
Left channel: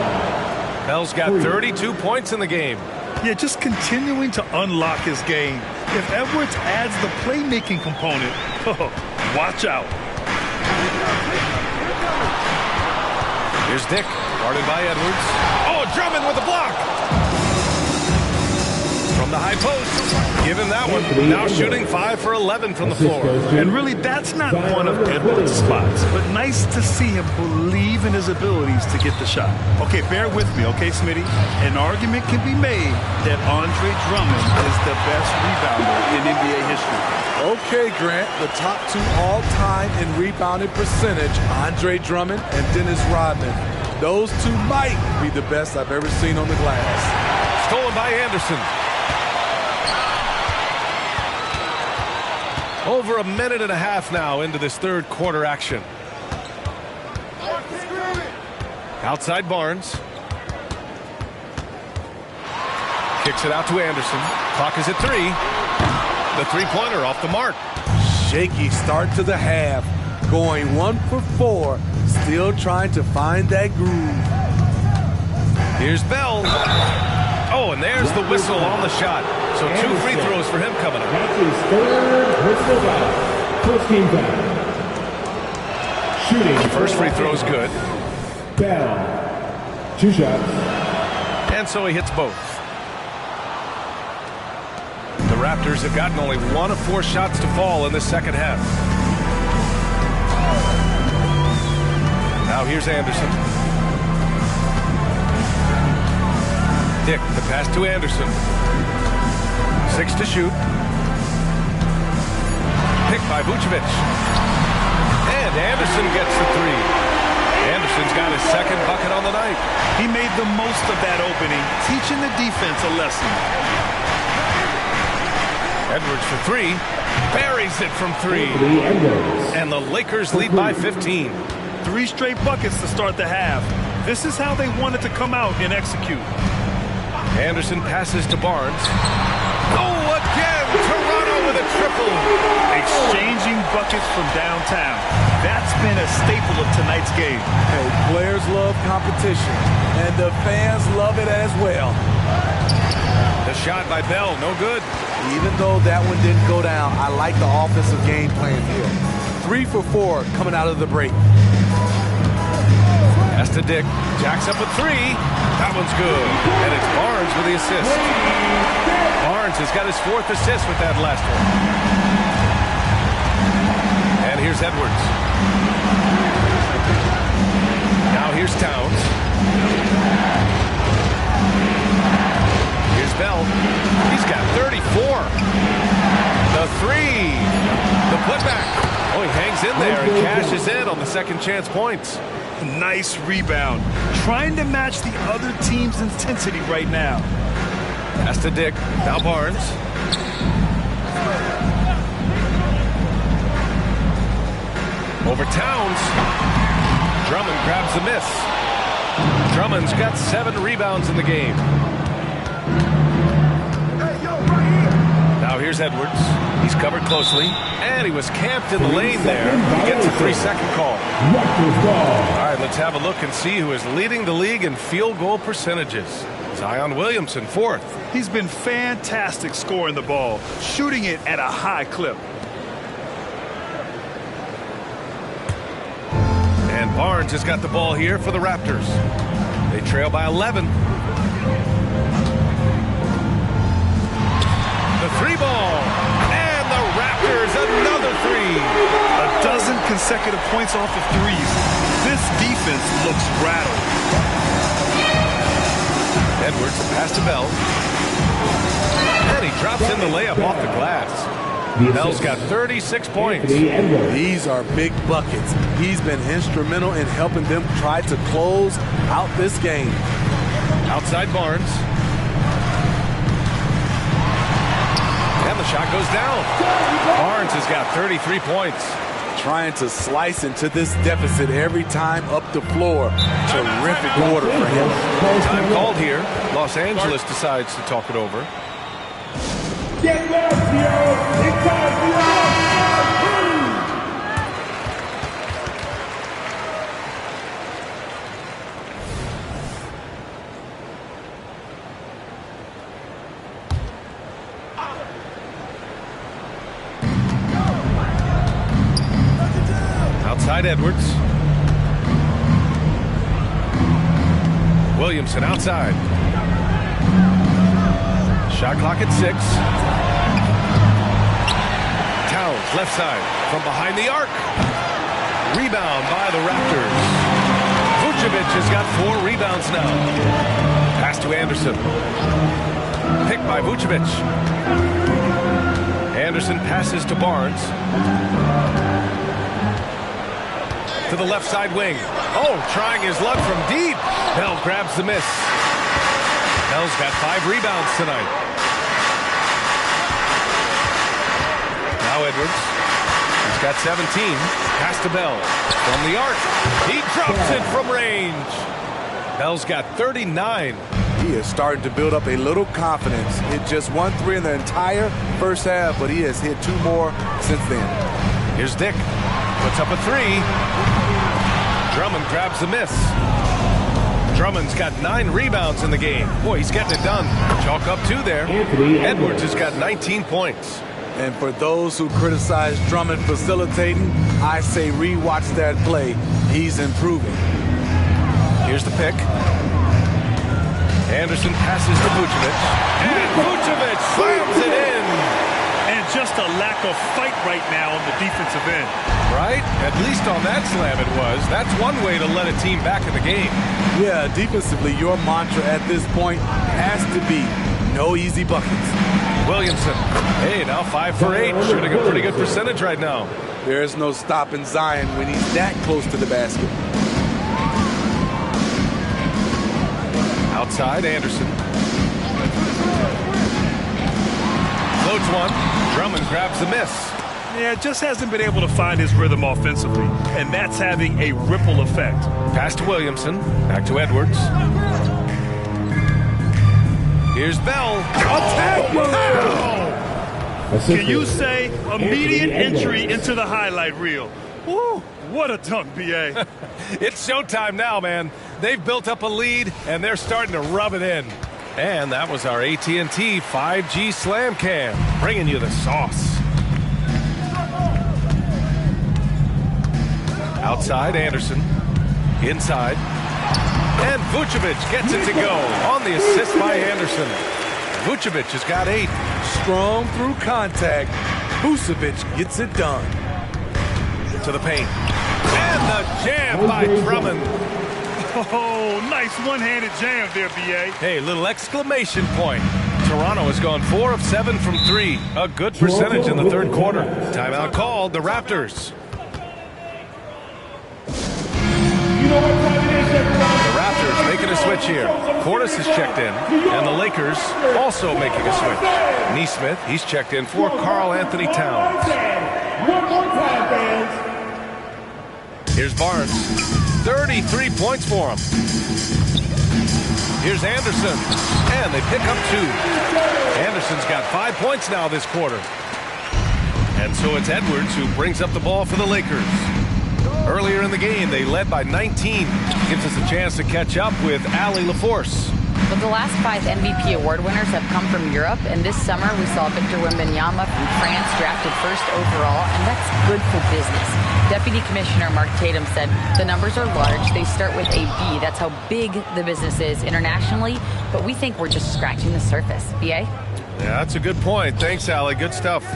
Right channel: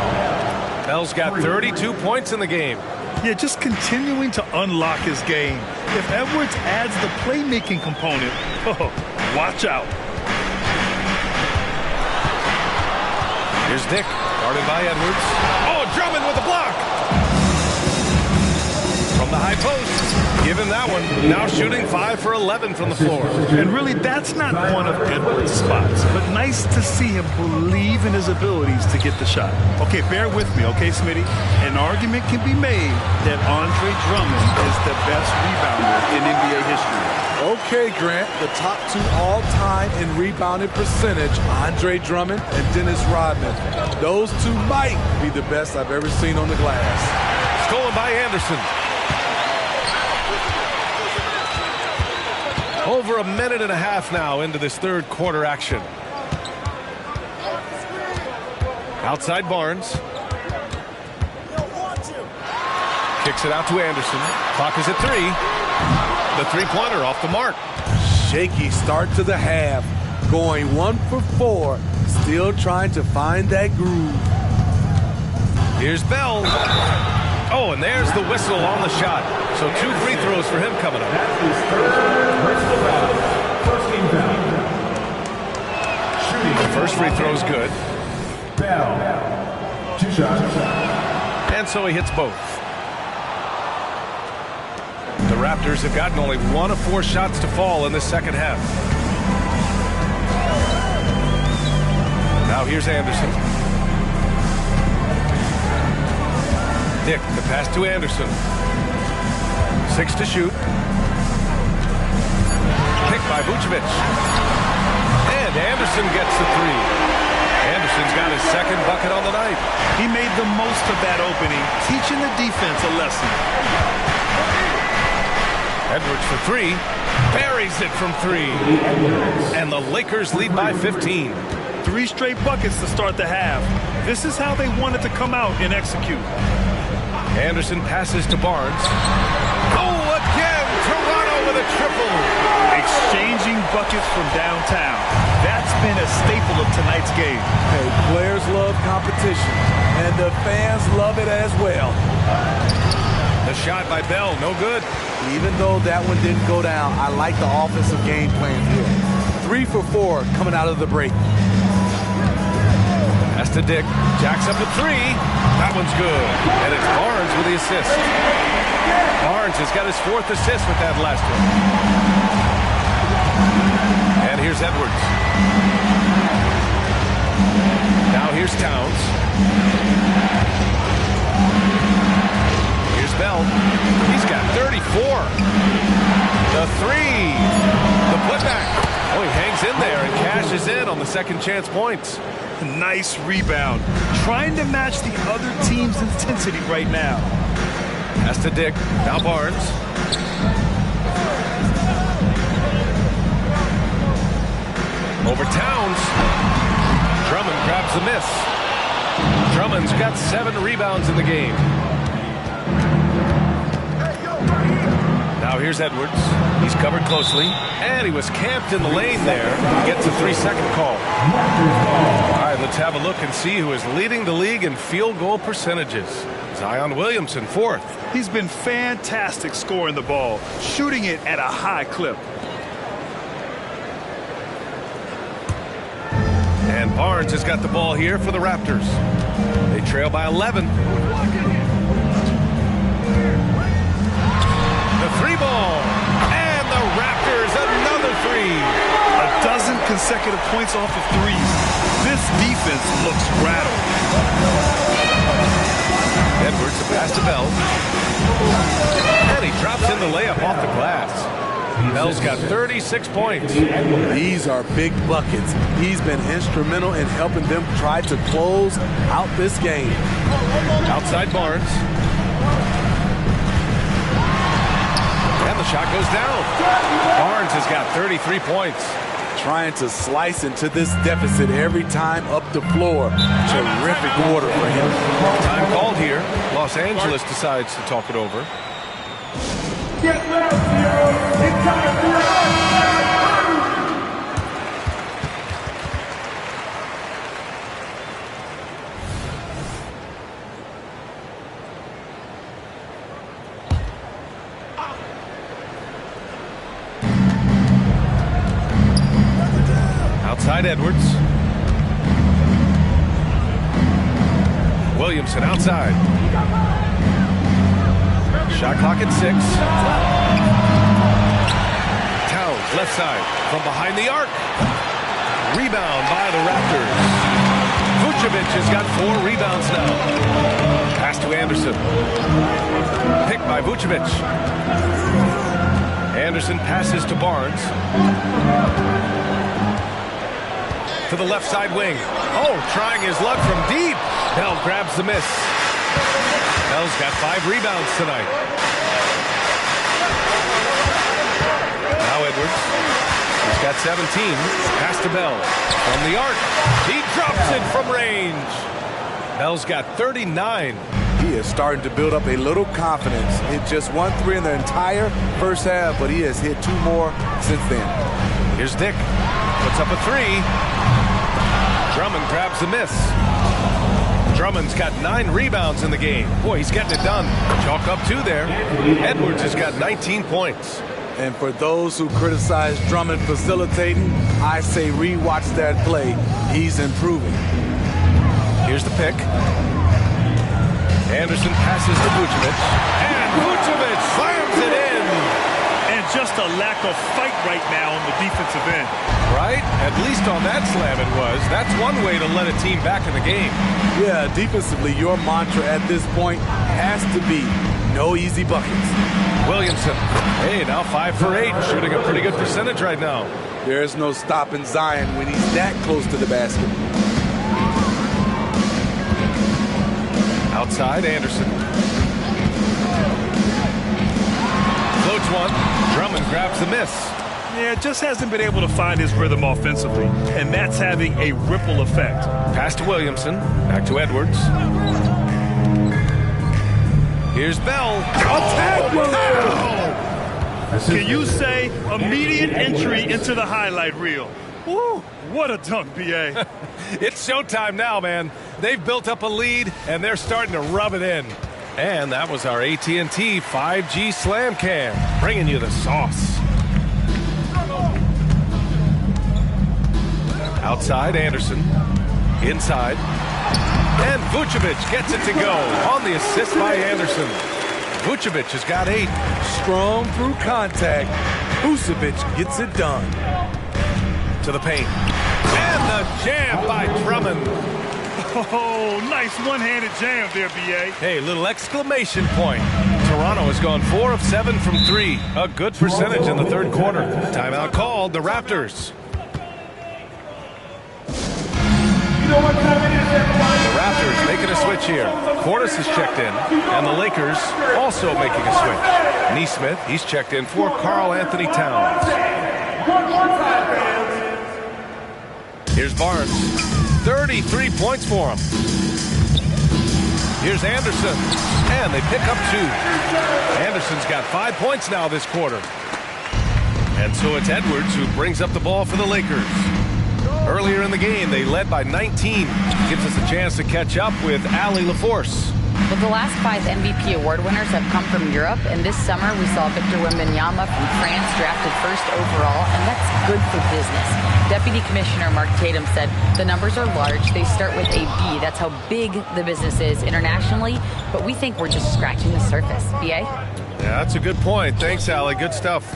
Bell's got 32 points in the game. Yeah, just continuing to unlock his game. If Edwards adds the playmaking component, watch out. Here's Dick, guarded by Edwards. Oh, Drummond with the block. From the high post, give him that one. Now shooting 5 for 11 from the floor. And really, that's not one of Edwards' spots, but nice to see him believe in his abilities to get the shot. Okay, bear with me, okay, Smitty? An argument can be made that Andre Drummond is the best rebounder in NBA history. Okay, Grant, the top 2 all-time in rebounding percentage, Andre Drummond and Dennis Rodman. Those 2 might be the best I've ever seen on the glass. Stolen by Anderson. Over a minute and a half now into this third quarter action. Outside Barnes. Kicks it out to Anderson. Clock is at 3. The three-pointer off the mark. Shaky start to the half. Going 1 for 4. Still trying to find that groove. Here's Bell. Oh, and there's the whistle on the shot. So 2 free throws for him coming up. That's his third personal foul. First team foul. Shooting. The first free throw's good. Bell. 2 shots. And so he hits both. The Raptors have gotten only 1 of 4 shots to fall in this second half. Now here's Anderson. Dick, the pass to Anderson. 6 to shoot. Picked by Vucevic. And Anderson gets the 3. Anderson's got his second bucket on the night. He made the most of that opening, teaching the defense a lesson. Edwards for 3. Buries it from 3. And the Lakers lead by 15. 3 straight buckets to start the half. This is how they wanted to come out and execute. Anderson passes to Barnes. Oh, again, Toronto with a triple. Exchanging buckets from downtown. That's been a staple of tonight's game. Hey, players love competition, and the fans love it as well. The shot by Bell, no good. Even though that one didn't go down, I like the offensive game plan here. 3 for 4 coming out of the break. Pass to Dick. Jacks up with 3. That one's good. And it's Barnes with the assist. Barnes has got his 4th assist with that last one. And here's Edwards. Now here's Towns. Here's Bell. He's got 34. The 3. The putback. Oh, he hangs in there and cashes in on the second chance points. Nice rebound. Trying to match the other team's intensity right now. Pass to Dick. Now Barnes. Over Towns. Drummond grabs the miss. Drummond's got 7 rebounds in the game. Now here's Edwards. He's covered closely. And he was camped in the lane there. He gets a 3-second call. All right, let's have a look and see who is leading the league in field goal percentages. Zion Williamson, 4th. He's been fantastic scoring the ball, shooting it at a high clip. And Barnes has got the ball here for the Raptors. They trail by 11. The 3-ball. And the Raptors, another 3. A dozen consecutive points off of 3s. This defense looks rattled. Edwards, a pass to Bell. And he drops in the layup off the glass. Bell's got 36 points. These are big buckets. He's been instrumental in helping them try to close out this game. Outside Barnes. And the shot goes down. Barnes has got 33 points. Trying to slice into this deficit every time up the floor. Terrific quarter for him. Time called here. Los Angeles decides to talk it over. Get low, Theo. It's time for your Outside Edwards. Williamson outside. Shot clock at 6. Towns left side from behind the arc. Rebound by the Raptors. Vucevic has got 4 rebounds now. Pass to Anderson. Picked by Vucevic. Anderson passes to Barnes. To the left side wing. Oh, trying his luck from deep. Bell grabs the miss. Bell's got 5 rebounds tonight. Now Edwards. He's got 17. Pass to Bell. From the arc. He drops it from range. Bell's got 39. He is starting to build up a little confidence. Hit just 1 3 in the entire first half, but he has hit 2 more since then. Here's Dick. Puts up a 3. Drummond grabs the miss. Drummond's got 9 rebounds in the game. Boy, he's getting it done. Chalk up 2 there. Edwards has got 19 points. And for those who criticize Drummond facilitating, I say rewatch that play. He's improving. Here's the pick. Anderson passes to Vucevic. And Vucevic slams it in. And just a lack of fight right now on the defensive end. Right? At least on that slam it was. That's one way to let a team back in the game. Yeah, defensively, your mantra at this point has to be no easy buckets. Williamson. Hey, now 5 for 8. Shooting a pretty good percentage right now. There's no stopping Zion when he's that close to the basket. Outside, Anderson. Floats one. Drummond grabs the miss. Yeah, just hasn't been able to find his rhythm offensively, and that's having a ripple effect. Pass to Williamson. Back to Edwards. Here's Bell. Attack! Can you say immediate entry into the highlight reel? Woo, what a dunk, B.A. It's showtime now, man. They've built up a lead, and they're starting to rub it in. And that was our AT&T 5G Slam Cam, bringing you the sauce. Outside, Anderson. Inside. And Vucevic gets it to go on the assist by Anderson. Vucevic has got 8. Strong through contact. Vucevic gets it done. To the paint. And the jam by Drummond. Oh, nice one-handed jam there, B.A. Hey, little exclamation point. Toronto has gone 4 of 7 from 3. A good percentage in the third quarter. Timeout called, the Raptors. You know what time it is, everybody? The Raptors making a switch here. Portis has checked in, and the Lakers also making a switch. Neesmith, he's checked in for Karl Anthony Towns. One more time, fans. Here's Barnes. 33 points for him. Here's Anderson, and they pick up 2. Anderson's got 5 points now this quarter. And so it's Edwards who brings up the ball for the Lakers. Earlier in the game, they led by 19. Gives us a chance to catch up with Allie LaForce. Well, the last 5 MVP award winners have come from Europe, and this summer we saw Victor Wembanyama from France drafted 1st overall, and that's good for business. Deputy Commissioner Mark Tatum said the numbers are large. They start with a B. That's how big the business is internationally, but we think we're just scratching the surface. B.A.? Yeah, that's a good point. Thanks, Allie. Good stuff.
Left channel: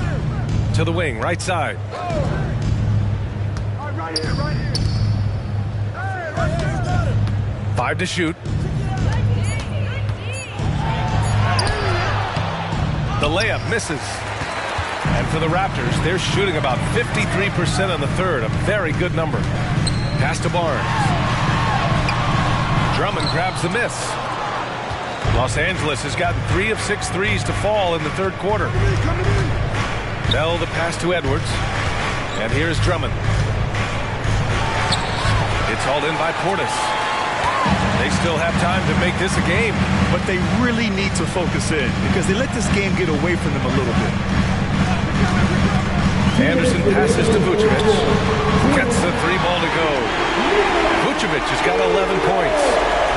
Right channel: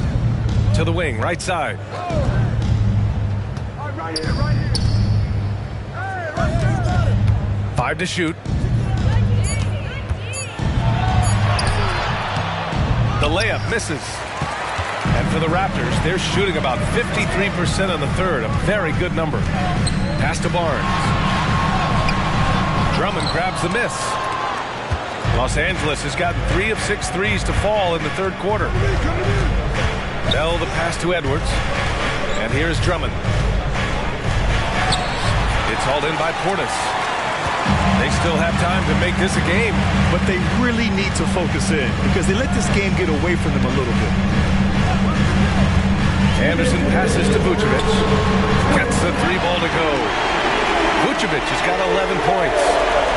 To the wing, right side. Right here, right here. Hey, right here. 5 to shoot. The layup misses. And for the Raptors, they're shooting about 53% on the third, a very good number. Pass to Barnes. Drummond grabs the miss. Los Angeles has gotten 3 of 6 threes to fall in the third quarter. Bell the pass to Edwards. And here's Drummond. It's hauled in by Portis. They still have time to make this a game. But they really need to focus in because they let this game get away from them a little bit. Anderson passes to Vucevic. Gets the 3 ball to go. Vucevic has got 11 points.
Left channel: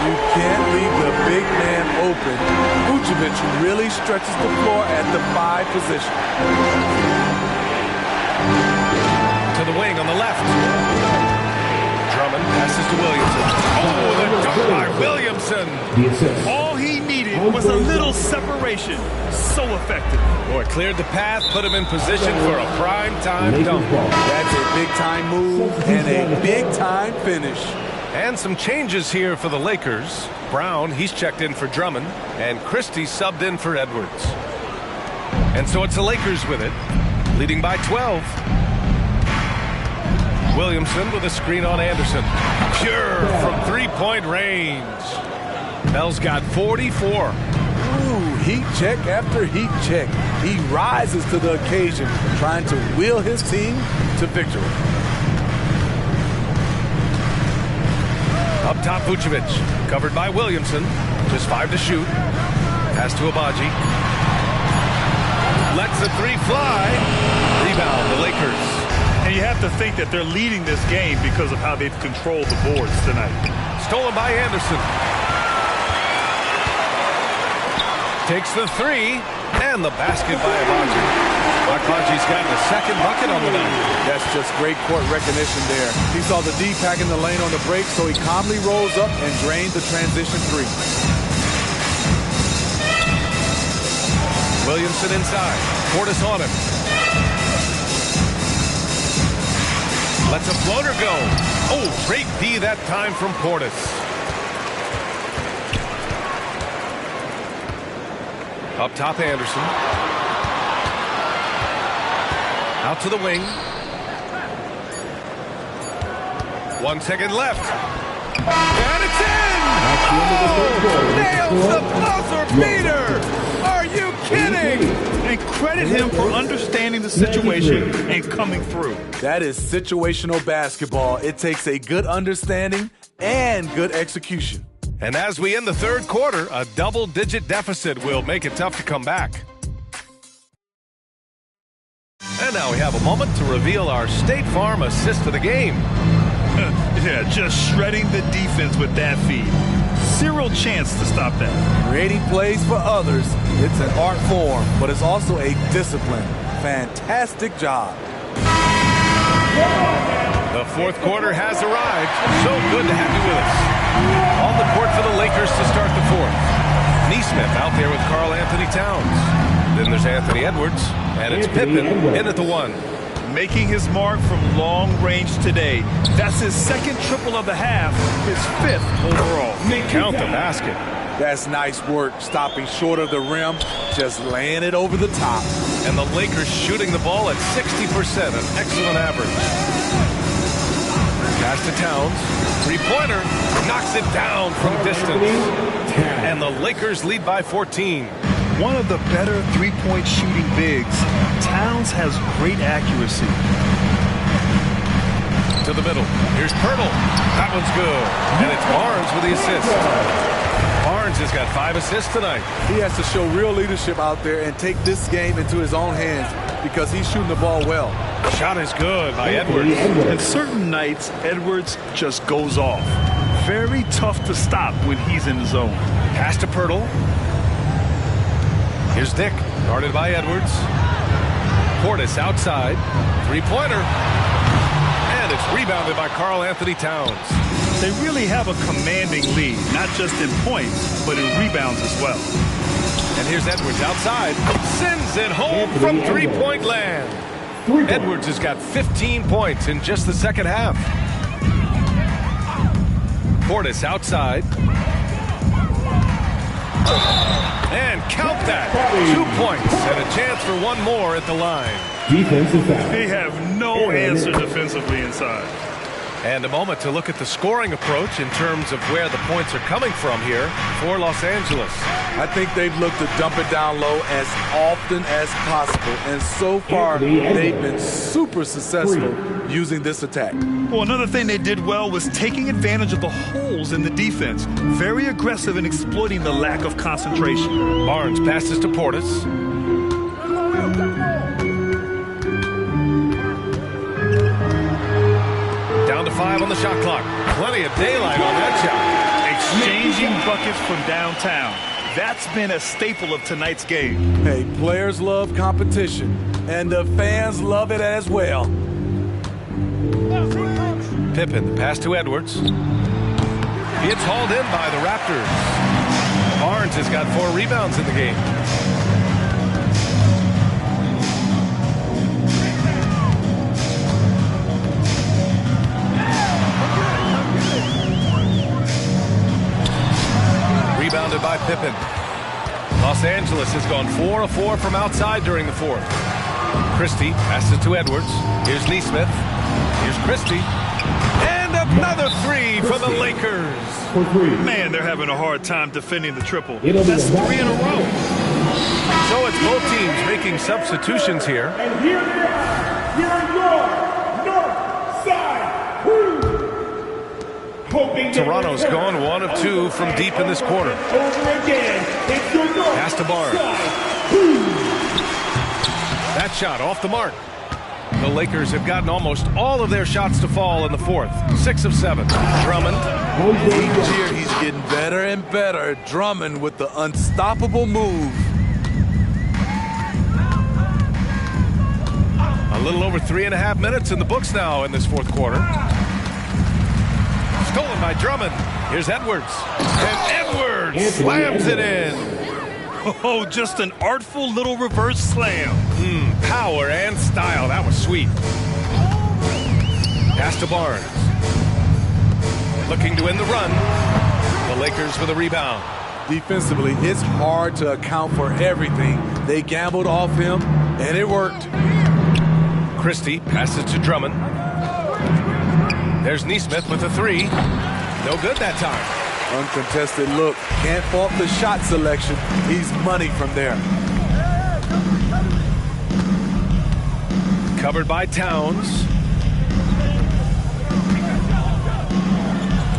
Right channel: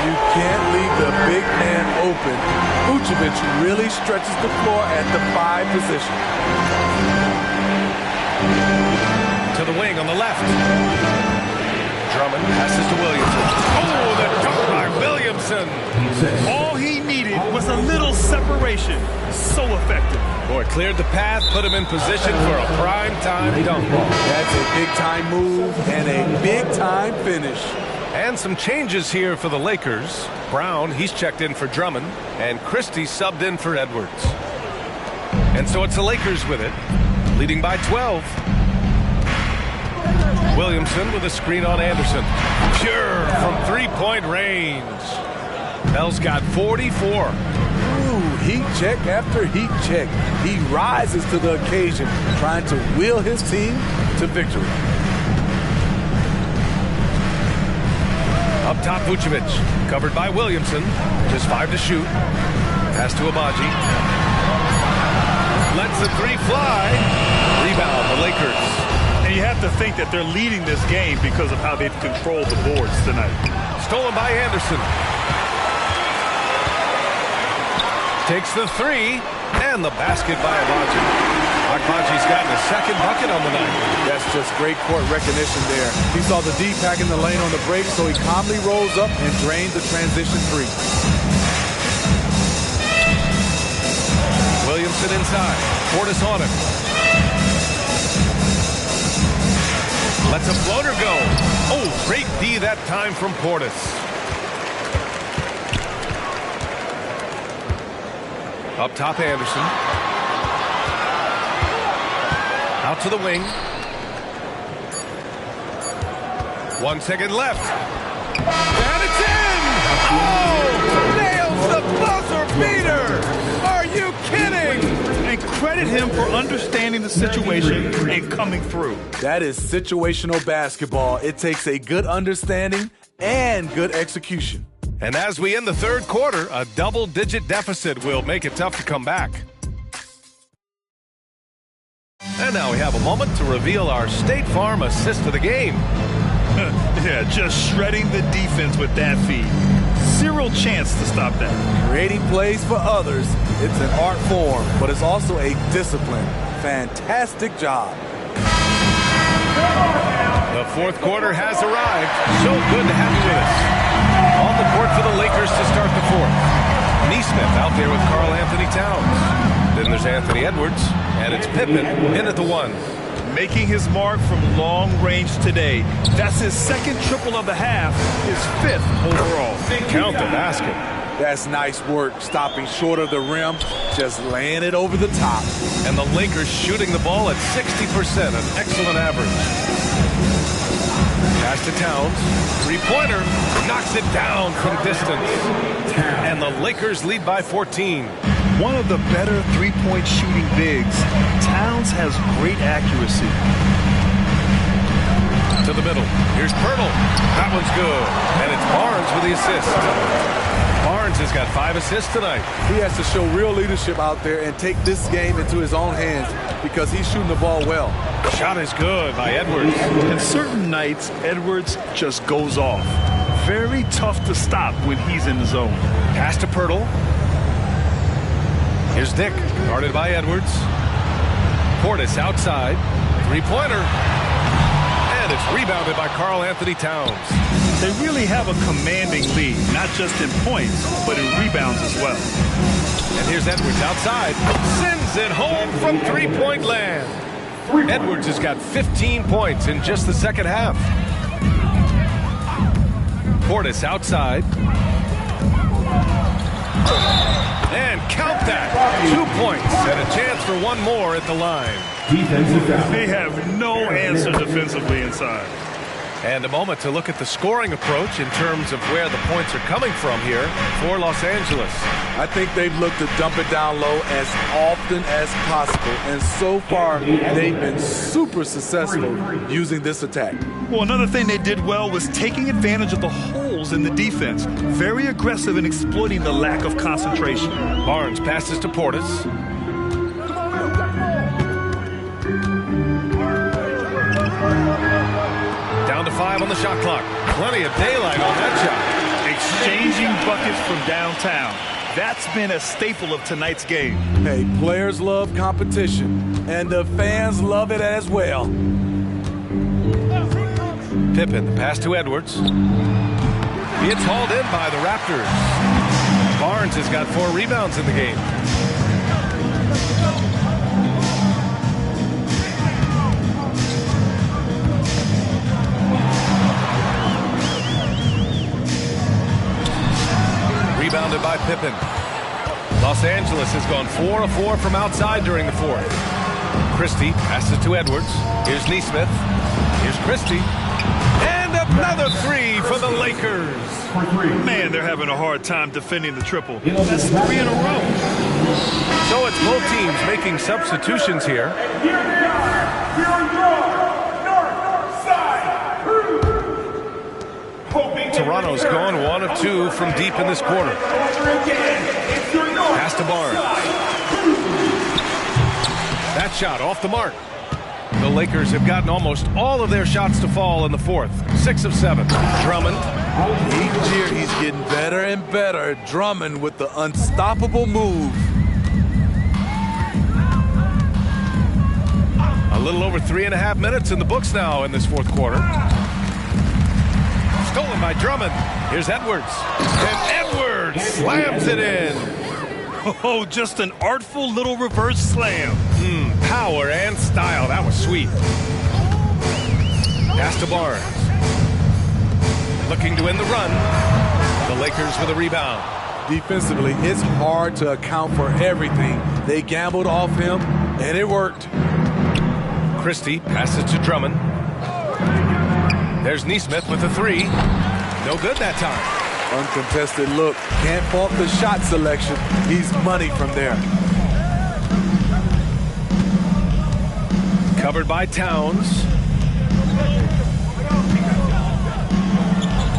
You can't leave the big man open. Vucevic really stretches the floor at the 5 position. To the wing on the left. Drummond passes to Williamson. Oh, the dunk by Williamson. All he needed was a little separation. So effective. Boy, cleared the path, put him in position for a prime-time dunk. That's a big-time move and a big-time finish. And some changes here for the Lakers. Brown, he's checked in for Drummond, and Christie subbed in for Edwards. And so it's the Lakers with it, leading by 12. Williamson with a screen on Anderson. Pure from three-point range. Bell's got 44. Ooh, heat check after heat check. He rises to the occasion, trying to will his team to victory. Up top, Vucevic, covered by Williamson. Just 5 to shoot. Pass to Abaji. Lets the three fly. Rebound, the Lakers. And you have to think that they're leading this game because of how they've controlled the boards tonight. Stolen by Anderson. Takes the three, and the basket by Abaji. Abaji's gotten a second bucket on the night. That's just great court recognition there. He saw the D pack in the lane on the break, so he calmly rolls up and drained the transition three. Williamson inside. Portis on him. Lets a floater go. Oh, great D that time from Portis. Up top, Anderson. Out to the wing. 1 second left. And it's in! Oh! Nails the buzzer beater! Are you kidding? And credit him for understanding the situation and coming through. That is situational basketball. It takes a good understanding and good execution. And as we end the third quarter, a double-digit deficit will make it tough to come back. And now we have a moment to reveal our State Farm assist of the game. Yeah, just shredding the defense with that feed. Zero chance to stop that. Creating plays for others, it's an art form, but it's also a discipline. Fantastic job. The fourth quarter has arrived. So good to have you with us. On the court for the Lakers to start the fourth. Neesmith out there with Karl Anthony Towns. Then there's Anthony Edwards, and it's Pippen in at the one. Making his mark from long range today. That's his second triple of the half, his 5th overall. Count the basket. That's nice work, stopping short of the rim, just laying it over the top. And the Lakers shooting the ball at 60%, an excellent average. Pass to Towns. Three-pointer. Knocks it down from distance. And the Lakers lead by 14. One of the better three-point shooting bigs. Towns has great accuracy. To the middle. Here's Pirtle. That one's good. And it's Barnes with the assist. Barnes has got 5 assists tonight. He has to show real leadership out there and take this game into his own hands because he's shooting the ball well. Shot is good by Edwards. And certain nights, Edwards just goes off. Very tough to stop when he's in the zone. Pass to Pirtle. Here's Dick, guarded by Edwards. Portis outside. Three-pointer. And it's rebounded by Karl Anthony Towns. They really have a commanding lead, not just in points, but in rebounds as well. And here's Edwards outside. Sends it home from three-point land. Edwards has got 15 points in just the second half. Portis outside. And count that. 2 points and a chance for one more at the line. Defensive foul. They have no answer defensively inside. And a moment to look at the scoring approach in terms of where the points are coming from here for Los Angeles. I think they've looked to dump it down low as often as possible. And so far, they've been super successful using this attack. Well, another thing they did well was taking advantage of the holes in the defense. Very aggressive in exploiting the lack of concentration. Barnes passes to Portis. Down to 5 on the shot clock. Plenty of daylight on that shot. Exchanging buckets from downtown. That's been a staple of tonight's game. Hey, players love competition, and the fans love it as well. Pippen, the pass to Edwards. It's hauled in by the Raptors. Barnes has got 4 rebounds in the game. Rebounded by Pippen. Los Angeles has gone 4 of 4 from outside during the fourth. Christie passes to Edwards. Here's Nesmith. Here's Christie. And another 3 for the Lakers. Man, they're having a hard time defending the triple. That's 3 in a row. So it's both teams making substitutions here. And here they are. Here are your North Side Crew. Toronto's gone 1 of 2 from deep in this quarter. Pass to Barnes. That shot off the mark. The Lakers have gotten almost all of their shots to fall in the fourth. 6 of 7. Drummond. Each year he's getting better and better. Drummond with the unstoppable move. A little over 3.5 minutes in the books now in this fourth quarter. Stolen by Drummond. Here's Edwards. And Edwards slams it in. Oh, just an artful little reverse slam. Power and style. That was sweet. Pass to Barnes. Looking to win the run. The Lakers with a rebound. Defensively, it's hard to account for everything. They gambled off him, and it worked. Christie passes to Drummond. There's Nesmith with a 3. No good that time. Uncontested look. Can't fault the shot selection. He's money from there. Covered by Towns.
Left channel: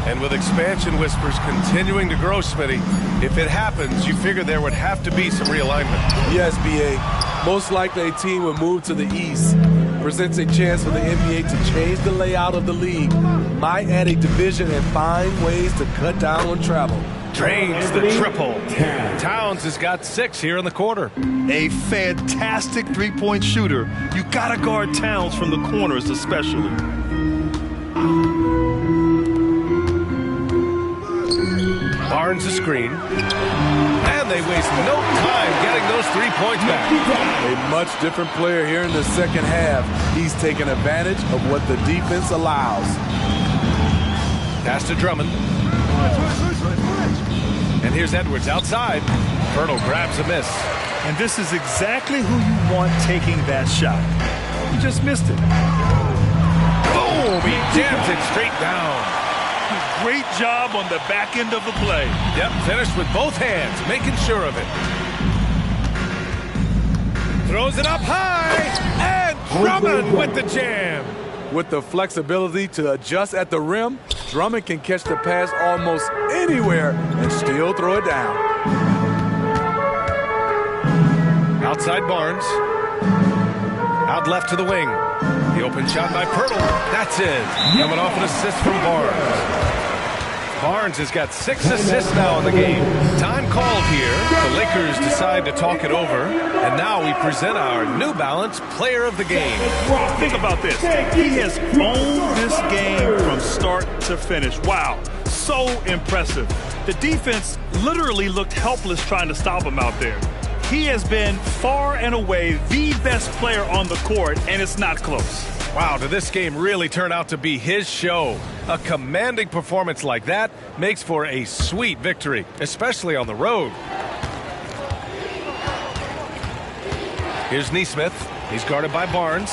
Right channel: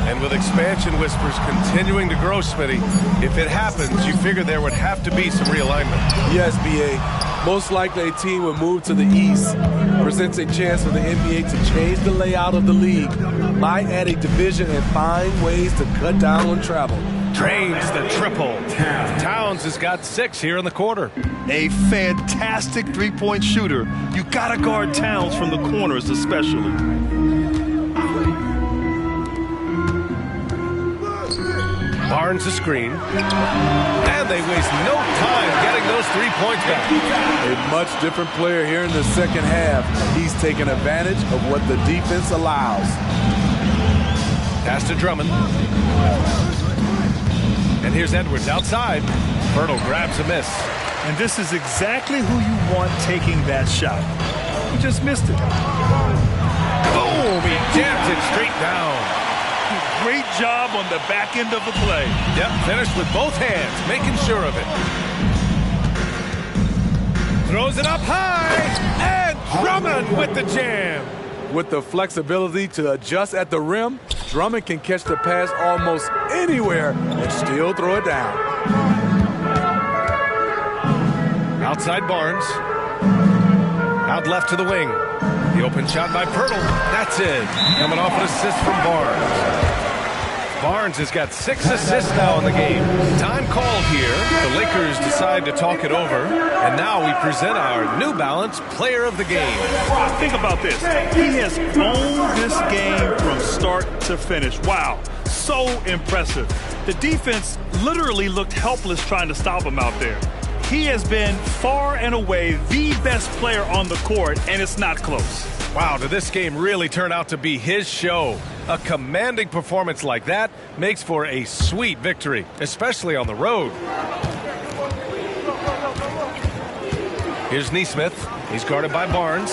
And with expansion whispers continuing to grow, Smitty, if it happens, you figure there would have to be some realignment. Yes, B.A. Most likely a team would move to the east. Presents a chance for the NBA to change the layout of the league. Might add a division and find ways to cut down on travel. Drains the triple. Towns has got 6 here in the quarter. A fantastic three-point shooter. You gotta guard Towns from the corners especially. Barnes a screen. And they waste no time getting those 3 points back. A much different player here in the second half. He's taking advantage of what the defense allows. Pass to Drummond. And here's Edwards outside. Fertile grabs a miss. And this is exactly who you want taking that shot. He just missed it. Boom! He jams it straight down. Great job on the back end of the play. Yep, finished with both hands, making sure of it. Throws it up high, and Drummond with the jam. With the flexibility to adjust at the rim, Drummond can catch the pass almost anywhere and still throw it down. Outside Barnes. Out left to the wing. The open shot by Pirtle. That's in. Coming off an assist from Barnes. Barnes has got 6 assists now in the game. Time called here. The Lakers decide to talk it over. And now we present our New Balance Player of the Game. Ross, think about this. He has owned this game from start to finish. Wow, so impressive. The defense literally looked helpless trying to stop him out there. He has been far and away the best player on the court, and it's not close. Wow, did this game really turn out to be his show? A commanding performance like that makes for a sweet victory, especially on the road. Here's Nesmith. He's guarded by Barnes.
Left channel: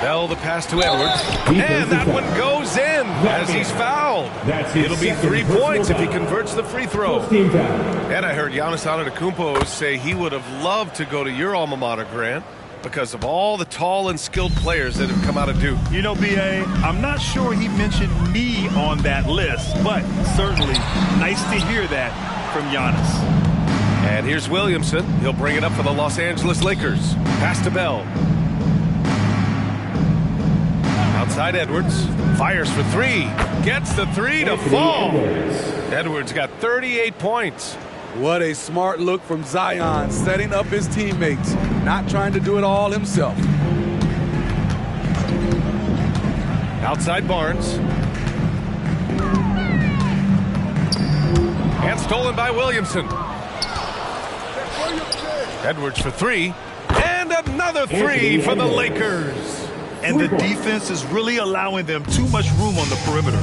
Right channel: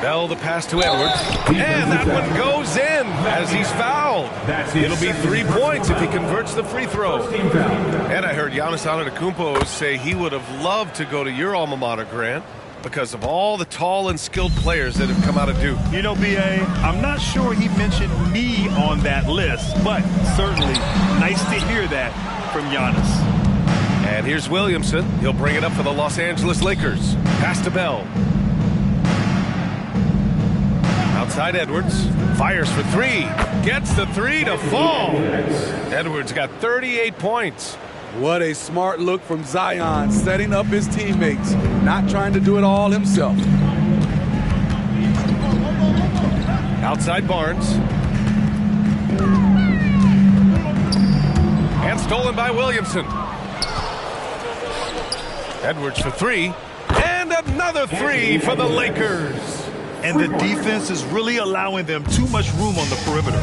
Bell the pass to Edwards. And that one goes in as he's fouled. It'll be 3 points if he converts the free throw. And I heard Giannis Antetokounmpo say he would have loved to go to your alma mater, Grant, because of all the tall and skilled players that have come out of Duke. You know, B.A., I'm not sure he mentioned me on that list, but certainly nice to hear that from Giannis. And here's Williamson. He'll bring it up for the Los Angeles Lakers. Pass to Bell. Outside Edwards. Fires for 3. Gets the 3 to fall. Edwards got 38 points. What a smart look from Zion, setting up his teammates, not trying to do it all himself. Outside Barnes. And stolen by Williamson. Edwards for three. And another three for the Lakers. And the defense is really allowing them too much room on the perimeter.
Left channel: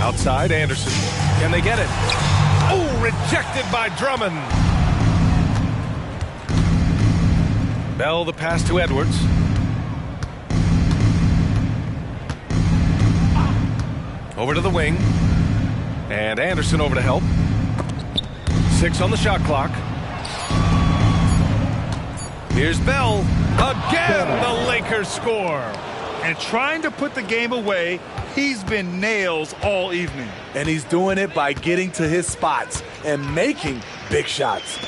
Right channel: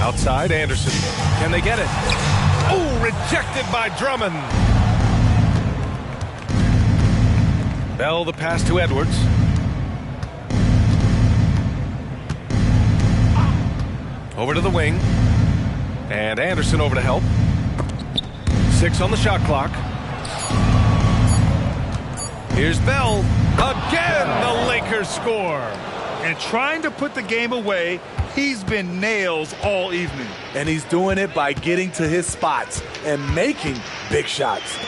Outside Anderson. Can they get it? Oh, rejected by Drummond. Bell the pass to Edwards. Over to the wing. And Anderson over to help. 6 on the shot clock. Here's Bell. Again, the Lakers score. And trying to put the game away, he's been nails all evening. And he's doing it by getting to his spots and making big shots.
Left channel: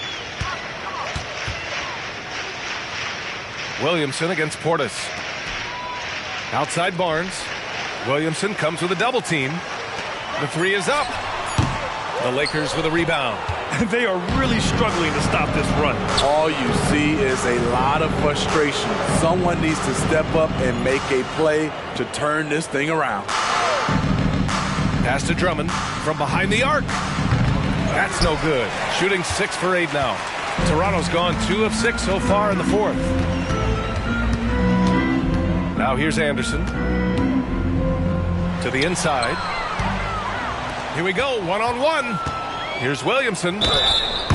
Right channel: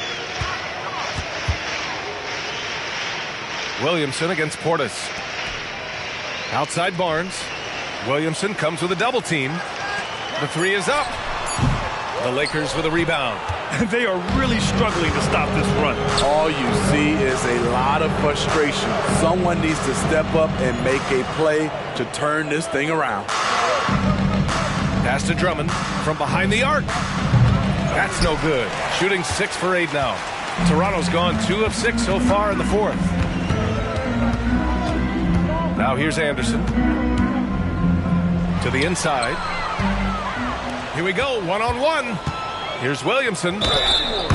Williamson against Portis. Outside Barnes. Williamson comes with a double team. The three is up. The Lakers with a rebound. They are really struggling to stop this run. All you see is a lot of frustration. Someone needs to step up and make a play to turn this thing around. Pass to Drummond from behind the arc. That's no good. Shooting 6 for 8 now. Toronto's gone 2 of 6 so far in the fourth. Now here's Anderson. To the inside. Here we go, one-on-one. Here's Williamson.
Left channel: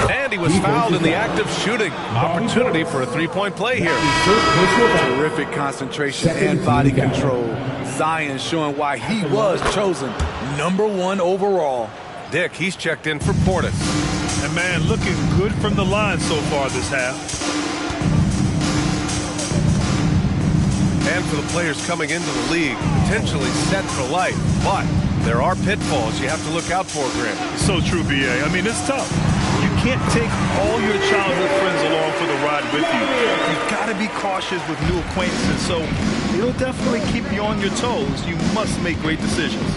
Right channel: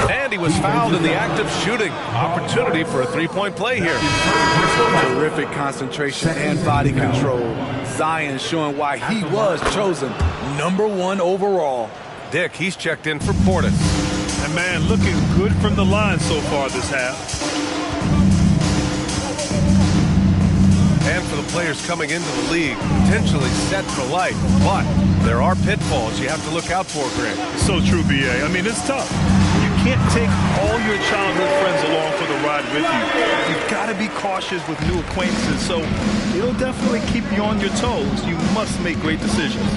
And he was fouled in the act of shooting. Opportunity for a three-point play here. Terrific concentration and body control. Zion showing why he was chosen #1 overall. Dick, he's checked in for Portis. And man, looking good from the line so far this half. And for the players coming into the league, potentially set for life. But there are pitfalls you have to look out for, Grant. It's so true, B.A. I mean, it's tough. You can't take all your childhood friends along for the ride with you. You've got to be cautious with new acquaintances, so it'll definitely keep you on your toes. You must make great decisions.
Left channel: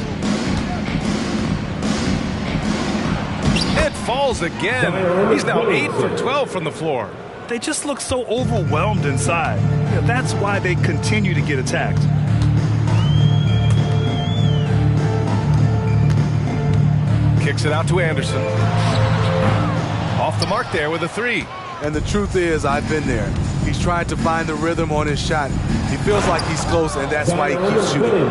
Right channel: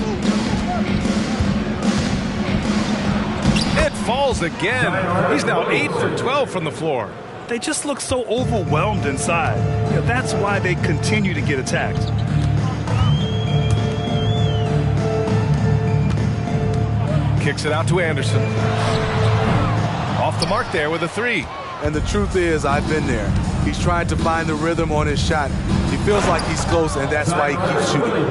It falls again. He's now 8 for 12 from the floor. They just look so overwhelmed inside. Yeah, that's why they continue to get attacked. Kicks it out to Anderson. Off the mark there with a three. And the truth is, I've been there. He's trying to find the rhythm on his shot. He feels like he's close, and that's why he keeps shooting.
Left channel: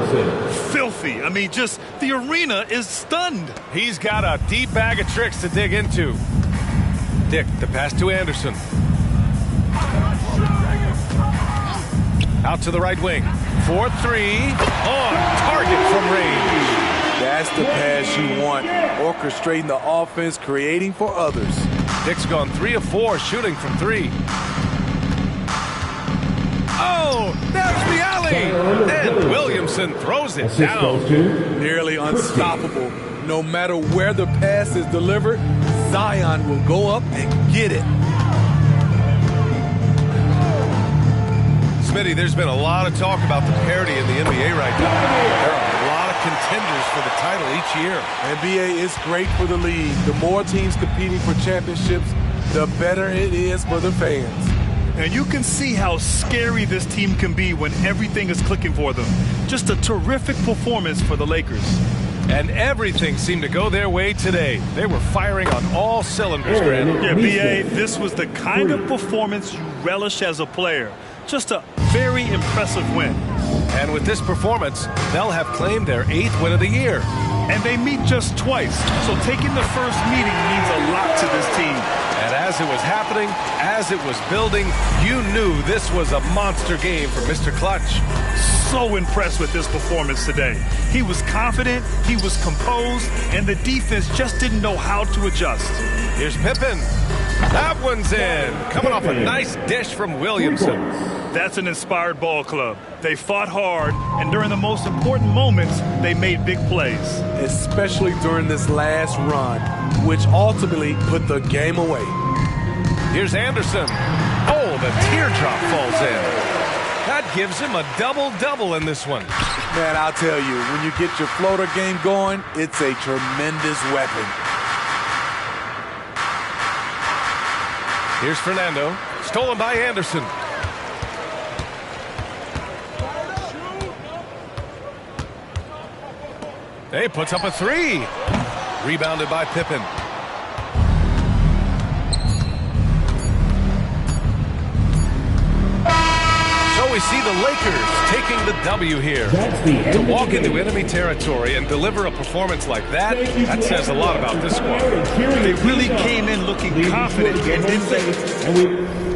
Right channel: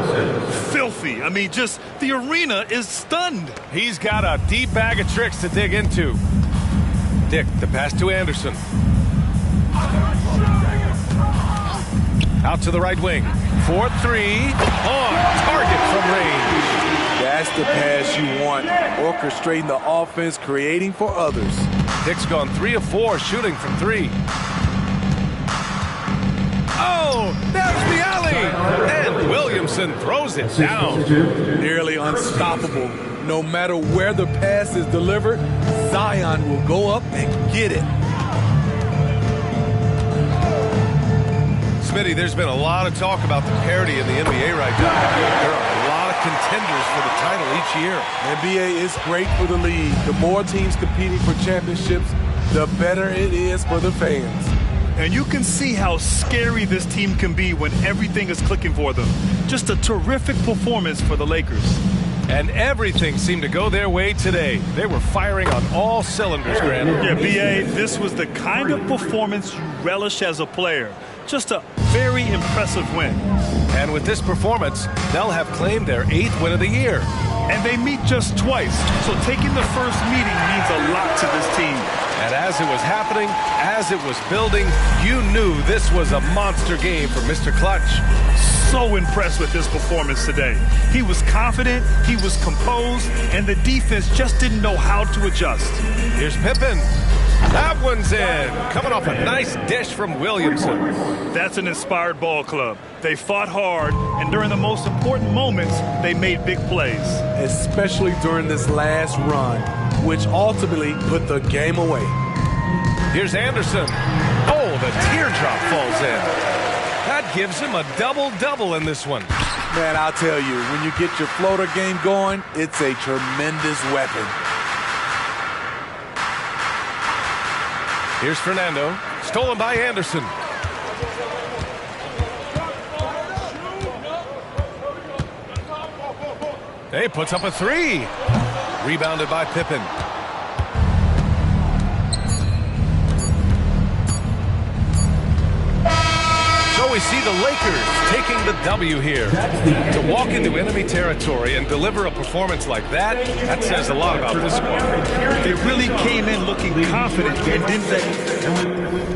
Filthy. I mean, just the arena is stunned. He's got a deep bag of tricks to dig into. Dick, the pass to Anderson. Out to the right wing. 4-3. On target from range. That's the pass you want. Orchestrating the offense, creating for others. Dick's gone 3 of 4 shooting from 3. Oh, there's the alley. And Williamson throws it down. Nearly unstoppable. No matter where the pass is delivered, Zion will go up and get it. Smitty, there's been a lot of talk about the parity in the NBA right now. There are a lot of contenders for the title each year. NBA is great for the league. The more teams competing for championships, the better it is for the fans. And you can see how scary this team can be when everything is clicking for them. Just a terrific performance for the Lakers. And everything seemed to go their way today. They were firing on all cylinders, Grant. Yeah, B.A., this was the kind of performance you relish as a player. Just a very impressive win. And with this performance, they'll have claimed their 8th win of the year. And they meet just twice, so taking the first meeting means a lot to this team. And as it was happening, as it was building, you knew this was a monster game for Mr. Clutch. So impressed with this performance today. He was confident, he was composed, and the defense just didn't know how to adjust. Here's Pippen. That one's in. Coming off a nice dish from Williamson. That's an inspired ball club. They fought hard, and during the most important moments, they made big plays. Especially during this last run, which ultimately put the game away. Here's Anderson. Oh, the teardrop falls in. That gives him a double-double in this one. Man, I'll tell you, when you get your floater game going, it's a tremendous weapon. Here's Fernando. Stolen by Anderson. Hey, puts up a three. Rebounded by Pippen. So we see the Lakers taking the W here. To walk into enemy territory and deliver a performance like that, that says a lot about this squad. They really came in looking confident and didn't let...